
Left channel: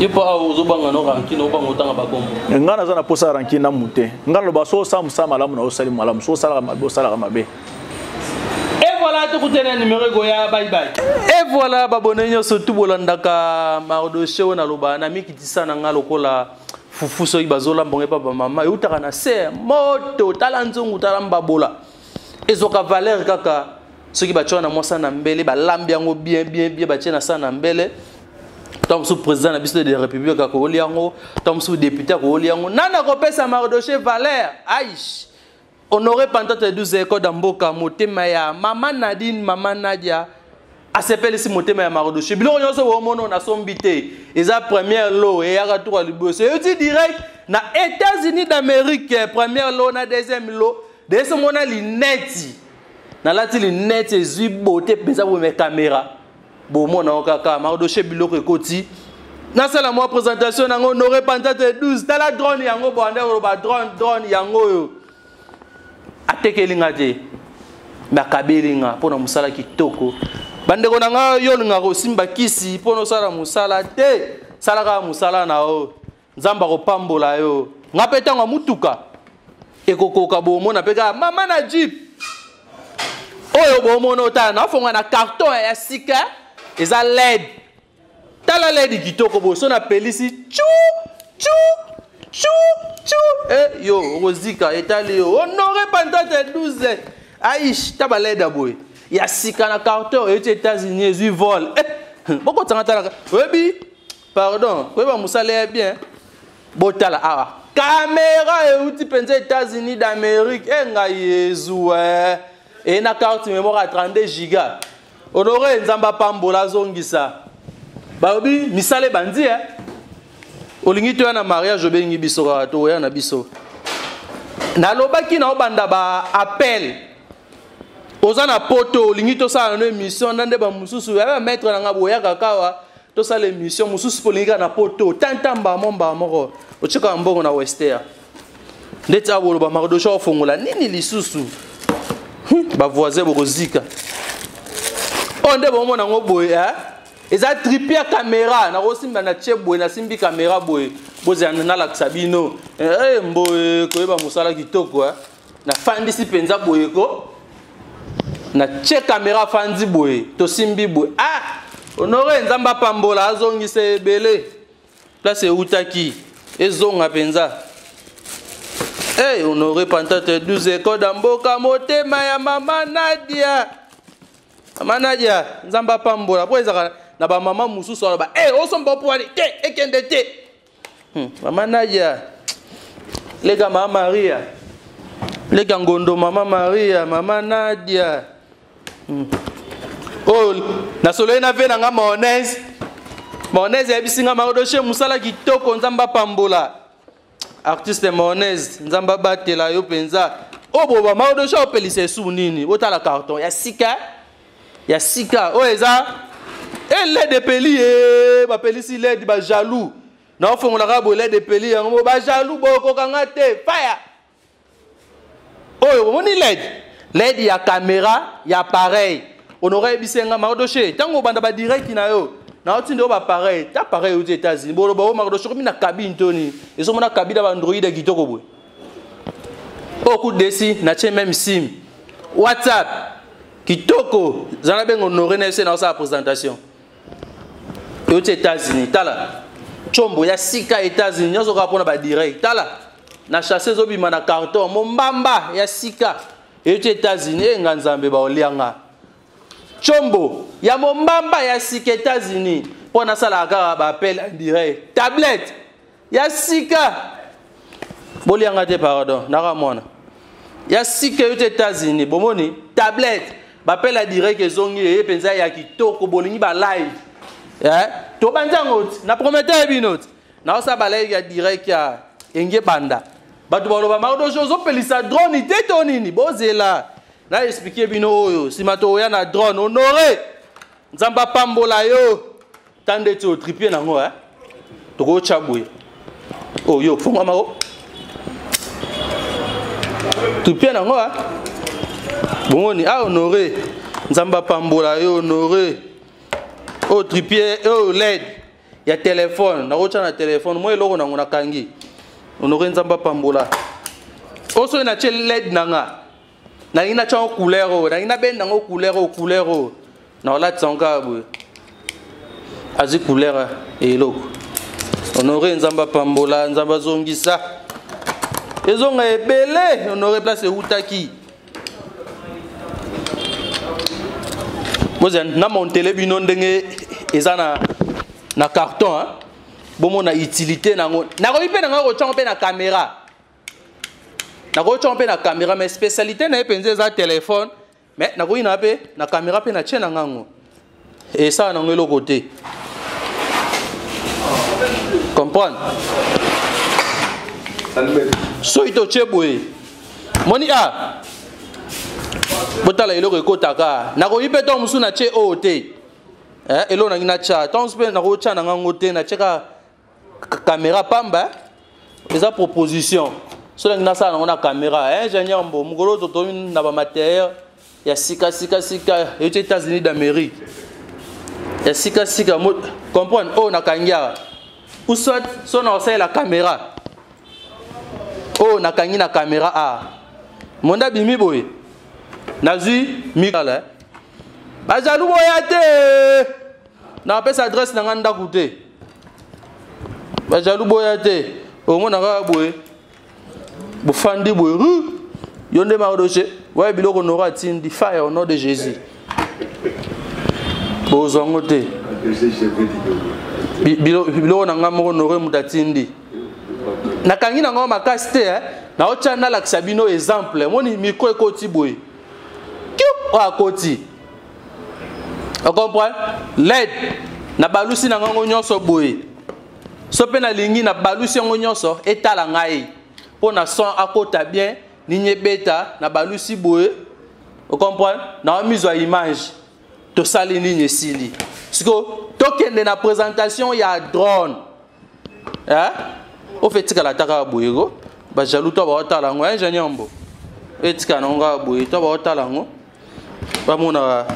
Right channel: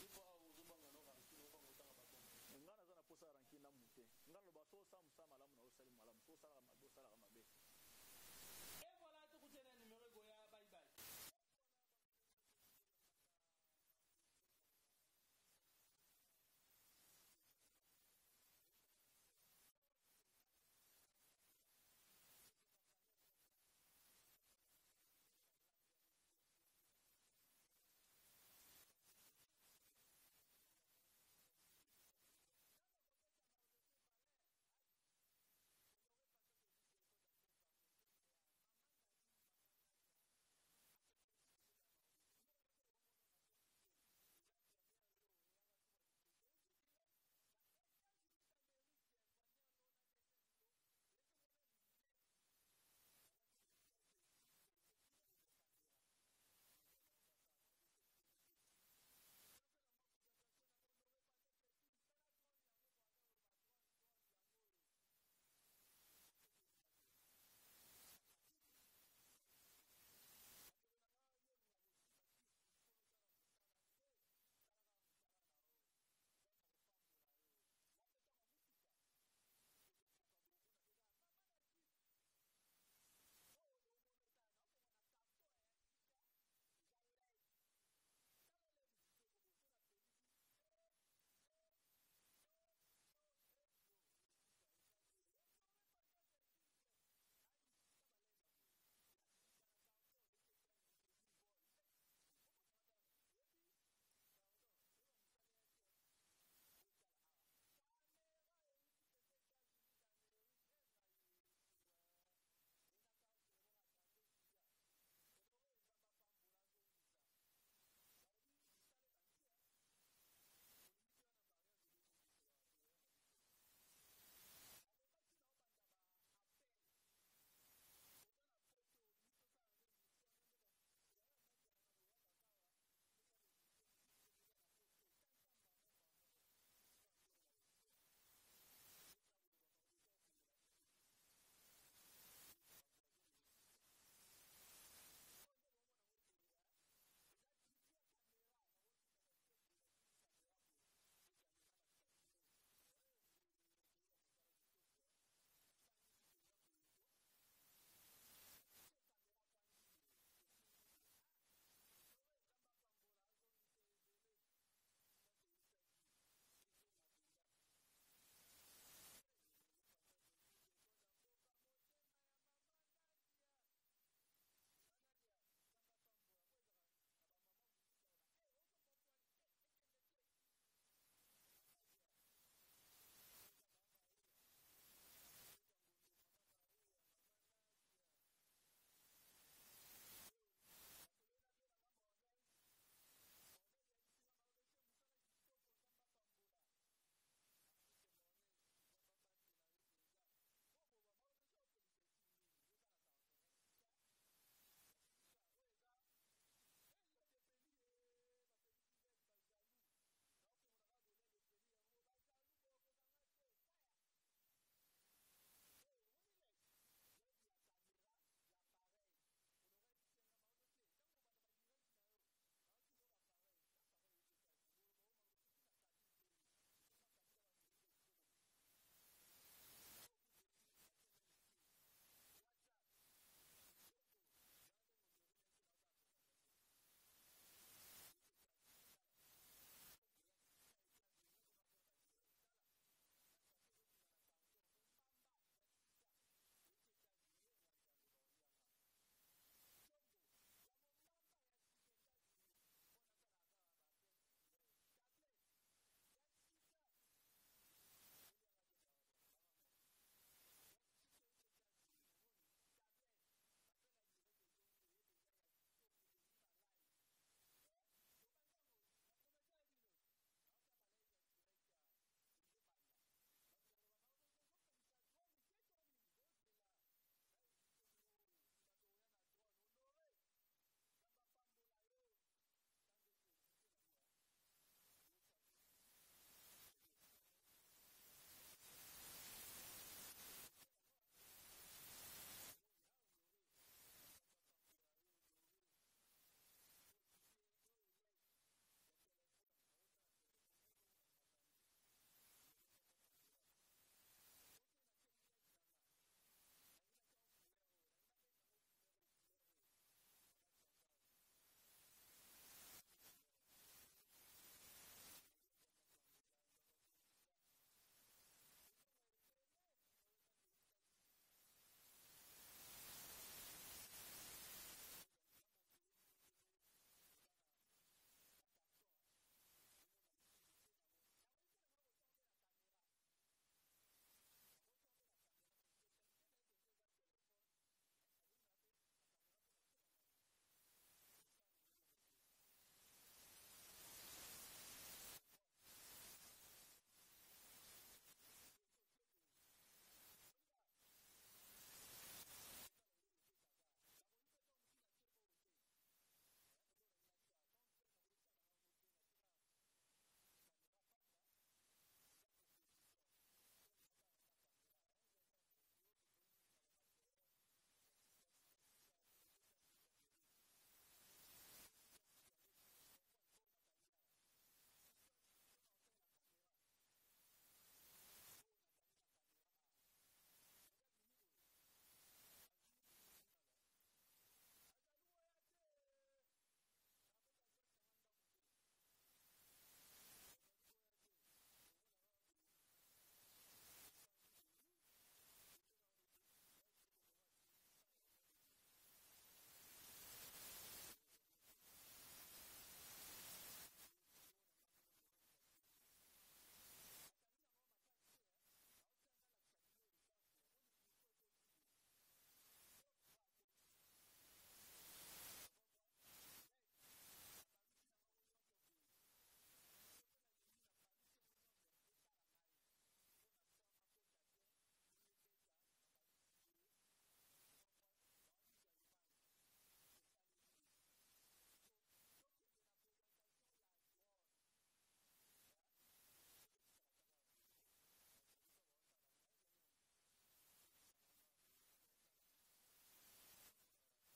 Yepo awu zobanga no ranki no bango tanga bakombo. Ngana za na posa ranki na mute. Ngana lo baso sam malamu na osali malamu. So sala mabe osala mabe. Et voilà tout le numéro goya bye. Et voilà babonenyo surtout bolandaka Mardoché na loba na mikitisa na nga lokola fufu soki bazola mbonge papa mama eutaka na ser moto tala nzungu tala mbabola ezoka valeur kaka soki bachona mwasa na mbele balambi yango bien batie na sa na mbele tom sous président na biso de république ka ko liango tom sous député ko liango nana ko pesa Mardoché valeur aish honoré Pantate 12 écoles d'Amboka motema ya mama Nadine mama Nadia a s'appelle ici motema ya Mardoché biloko nyonso wo mono na sombité eza première lot et ya retour à liboso et dit direct na États-Unis d'Amérique première lot na deuxième lot de ce mona lineti na lati lineti zui beauté pesa bo me caméra bo mona kaka Mardoché biloko ekoti na sala moi présentation na honoré Pantate 12 tala drone yango bo ande ba drone yango yo atekelinga te bakabelinga pona musala kitoko bandeko nanga yolinga ko simba kisi pona sala musala te salaka musala na o nzamba ko pambola yo ngapetanga mutuka ekokoka bomona peka mama na jeep oyo bomona otana na fonga na carton ya sika eza LED tala LED kitoko bo so na pelisi chu Eh yo Rosika etali yo honoré pantate 12 aish tabaleda boy ya sika na carton aux États-Unis ils volent beaucoup tangata webi pardon weba musale bien botala awa caméra et outil penza États-Unis d'Amérique nga yezu et na carte mémoire à 32 giga honoré nzamba pambola zongisa babi misale bandi olingi to na mariage obengi biso ka to ya na biso na lobaki na obanda ba appel ozana poto olingi to sa na émission ndande ba mususu ya maître na ngabo ya kakawa to sa l'émission mususu polinga na poto tantamba momba moko ochika mbongo na Wester ndeta bolo ba marodosha ofongola nini lisusu ba voisin bokozika onde bomo na ngoboye eza tripi ya caméra na kosimba na tie boye na simbi caméra boye bozana na laksabino mboye koyeba musala kitoko na fandi si penza boye ko na tie caméra fandi boye to simbi boye honoré nzamba pambola azongisa ebele place utaki ezonga penza honoré pantate 12 koda mboka motema ya mama Nadia nzamba pambola po ezaka na ba mama mususu ala ba osomba poali te ekende te mama Nadia lega mama Maria lega ngondo mama Maria mama Nadia na solo na ve na nga Monez ebisinga marodoshe musala kitoko nzamba pambola artiste Monez nzamba batela yo penza boba marodoshe opelise su nini otala carton ya sika eza LED de peli ba pelisi LED ba jaloux na ofongola ka bo LED de peli yango ba jaloux boko kanga te fire moni LED ya caméra ya pareil honoré bisenga marodoshe tango banda ba direct na yo na otinde ba pareil ta pareil aux États-Unis bolo ba marodoshe ko mina cabine toni ezo mona cabine ba Android kitoko boy coup desi na che même sim WhatsApp kitoko zana bengo honoré na se na sa présentation aux États-Unis tala chombo ya sika États-Unis nyozo ka pona ba direct tala na chasser zobima na carton mombamba ya sika aux États-Unis nganzambe ba olianga chombo ya mombamba ya sika États-Unis pona sala ka ba appel en direct tablette ya sika bolianga te pardon nakamona ya sika aux États-Unis bomoni tablette ba appel en direct ezongi e penza ya kitoko bolingi ba live to banjango na prometteur binot na osa balai ya direct ya enge banda batu baloba marodojo zo pelisa drone te tonini bozela na expliquer bino oyo simato ya na drone honoré nzamba pambola yo tande to tripier nango to ko chabwe yo fonga mako tripier nango boni honoré nzamba pambola yo honoré tripier LED ya téléphone na rocha na téléphone moi eloko nango na kangi honoré nzamba pambola oso na che LED nanga na ina cha couleur na ina ben nango couleur na la tsanga bu azi couleur eloko honoré nzamba pambola nzamba zongisa ezonga ebele honoré place utaki Mozen na montele bino ndenge eza na carton bomo na utilité nango na ko ipe nango ko chompe na caméra na ko chompe na caméra mais spécialité na epenze za téléphone mais na ko ina pe na caméra pe na chena ngango et ça na ngelo côté comprendre so ito cheboe moni botala eloko ekotaka na ko ipe to musu na che ote elo na ngina cha tons pe na ko cha na ngango te na cheka caméra pamba eza proposition so na ngina sa na caméra ingénieur mbo mugolo to na ba matériel ya sika aux États-Unis d'Amérique ya sika comprendre na kangia ou soit so na osala la caméra na kangi na caméra monda bimi boy nazui mikala bajalu boyate na pesa adresse na nganda koute bajalu boyate Au moins, on a boé. Bofandi boé. Yonde Mardoché. Ouais, bilo qu'on aura tindi fire au nom de Jésus. Bozangote. Bilo on a ngamoro nore mutatindi. Nakangi na ngoma makasite na ochana la Sabino exemple. Moni micro ekoti boé. Kiu a koti. On comprend? L'aide na balusi na ngango nyonso boye. So pe na lingi na balusi ngango nyonso etala ngai. Po na son akota bien ni nyebeta na balusi boye. On comprend? Na mise à image. To sali ni nyesili. Siko tokende na présentation ya drone. Hein? O fait tika la taka boye go. Ba jalou to ba otala ngo ingénieur mbo. Etika na nga boye to ba otala ngo. Ba mona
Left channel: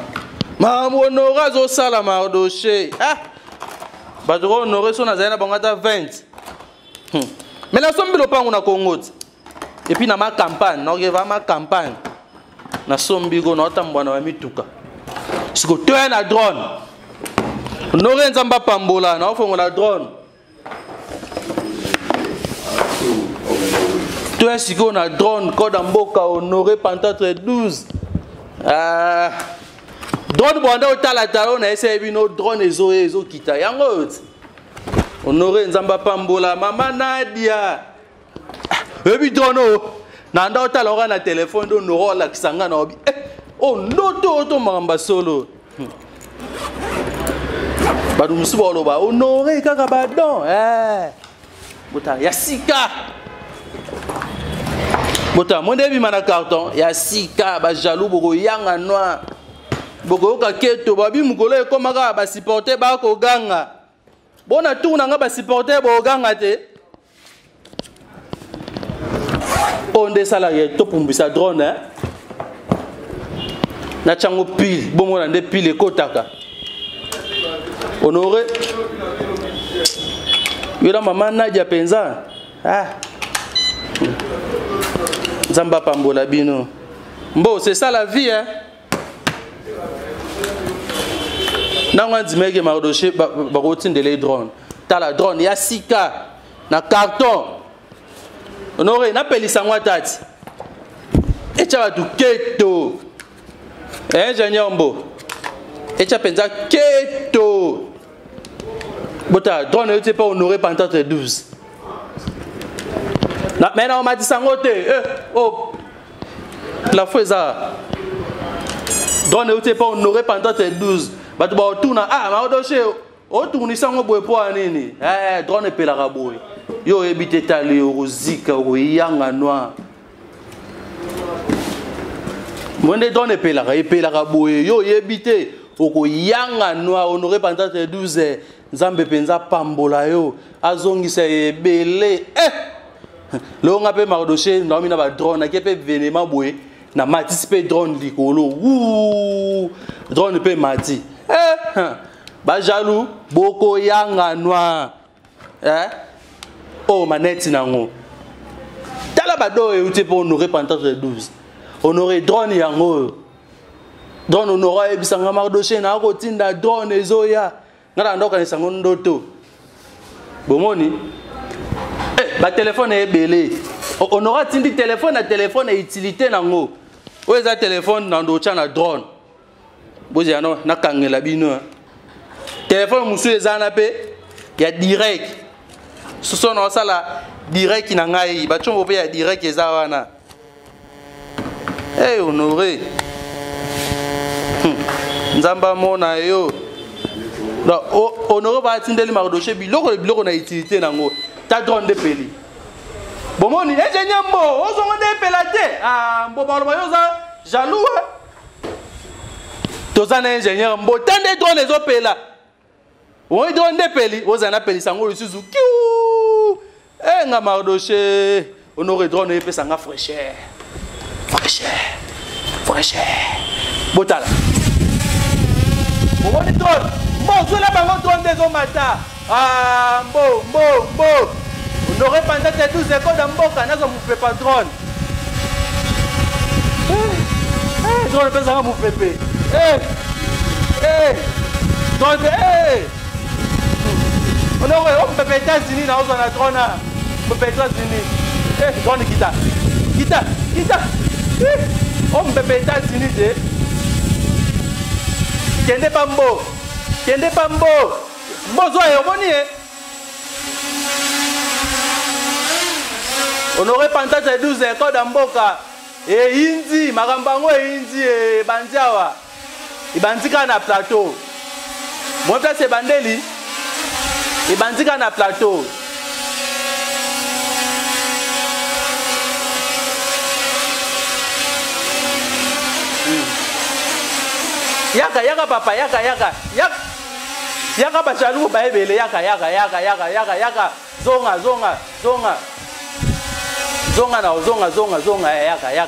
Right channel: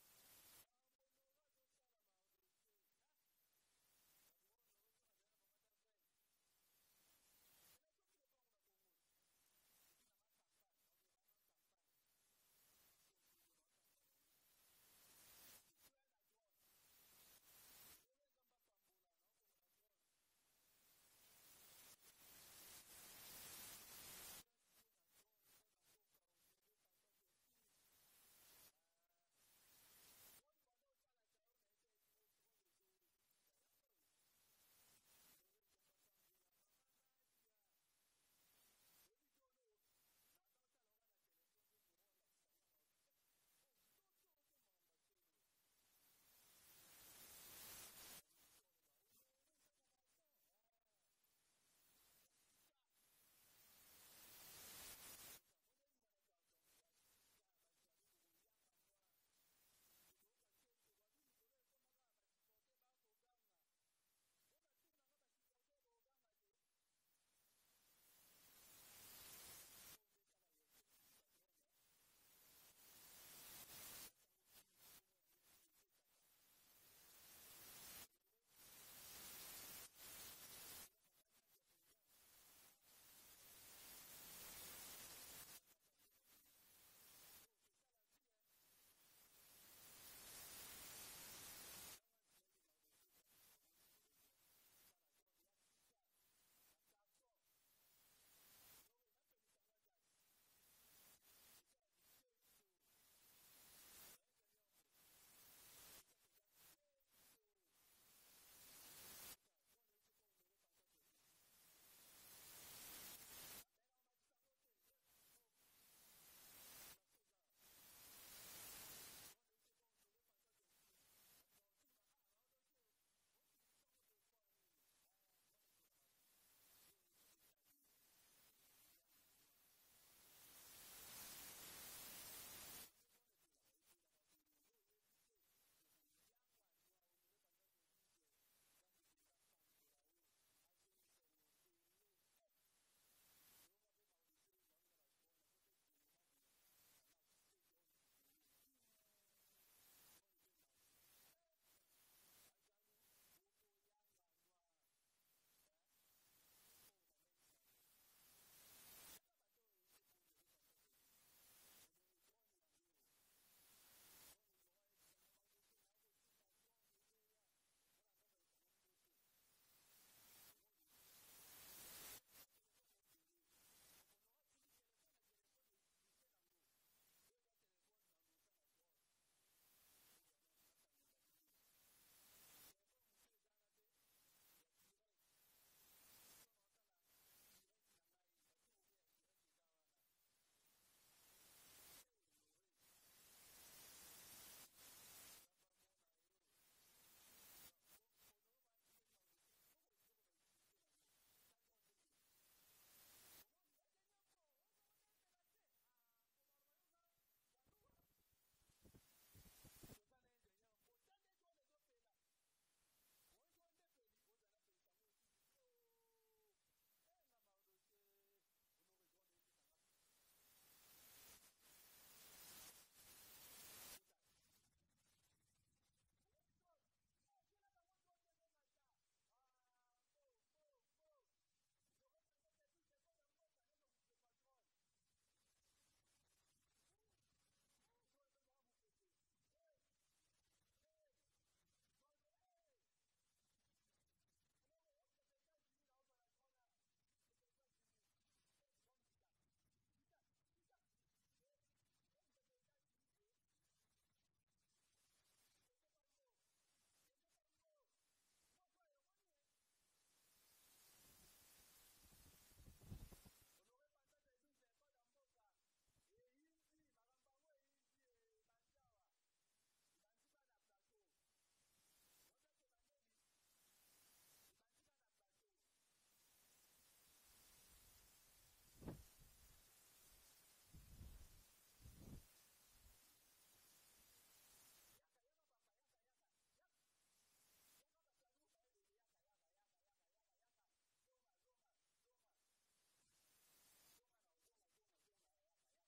Maman honoré zo sala Mardoché. Ah. Ba zo honoré so na zaina bangata 20. Mais la somme bilo pango na Congo. Et puis na ma campagne, na va ma campagne. Na sombi go na tambwana wa mituka. Siko to na drone. Honoré nzamba pambola na ofongo la drone. To siko na drone code mboka honoré pantate 12. Ah. Drone bwanda otala talo na ese bino drone ezo kita yango honoré nzamba pambola mama Nadia ebi drone na nda otala ora na téléphone do no la kisanga na obi oh ndoto to mamba solo badu musibolo ba honoré kaka badon bota yasika bota mondebi mana carton yasika ba jaloux boko yanga noir boko ka keto babi mukolo ekomaka ba supporter ba ko ganga bona tourna nga ba supporter bo ganga te onde salarié to pumbisa drone na chango pile bomo na nde pile kotaka honoré yora mama Nadia penza Zamba pambola bino bon c'est ça la vie hein. Nangwa dimeke Mardoché ba rotinde les drones. Ta la drone ya sika na carton. Honoré na pelisa ngwa tati. Echa ba du keto. Ingénieur mbo. Echa penza keto. Bota drone yote pas honoré pantate 12. Na mena on m'a dit sangote. Oh. La fois ça. Drone yote pas honoré pantate 12. But about tuna Mardoché o tourni sango boy po anini drone pelaka boy yo ebite tali rozika o yanga noir monde drone pelaka boy yo ebite o ko yanga noir honoré pantate 12 nzambe penza pambola yo azongisa ebele lo ngape Mardoché ndomi na ba drone kepe venema boy na matisipe drone likolo drone pe mati ba jaloux boko yanga noir oh manette nango tala bado e uti po honoré pantate 12 honoré drone yango drone honoré ebisanga Mardoché na ko tinda drone ezoya ngala ndoka ni sango ndoto bomoni ba téléphone e belé honoré tindi téléphone na téléphone e utilité nango o eza téléphone na ndo chana drone bozi ano na kangela bino téléphone musu ezana pe ya direct soso na sala direct na ngai ba chombo pe ya direct eza wana honoré nzamba mona yo no honoré ba tindeli Mardoché biloko na utilité nango ta drone de peli bomoni ejenyambo ozongo de pelate mbo ba yo za jaloux tozana ingénieur mbo tande drone ezopela o drone de peli ozana peli sango lusuzu kiu nga Mardoché honoré drone epesa nga fraîcheur botala bomoni drone mbo zola bango drone dezomata mbo honoré pantate 12 eko da mboka nazo mupepa drone drone pesa nga mupepe drone honoré on peut États-Unis na ozana drone Mbebe États-Unis. Eh, grande guitare. Guitare. Oh, Mbebe États-Unis, Kende Pambo. Mbozo et Omoni, Honoré Pantate 12 écoles d'Amboka. Et Indi, Marambango et Indi et Bandiawa. Et Bandika na plateau. Moi, c'est Bandeli. Et Bandika na plateau. Yaka papa, yaka bachalou baebele, yaka. Zonga, yaka.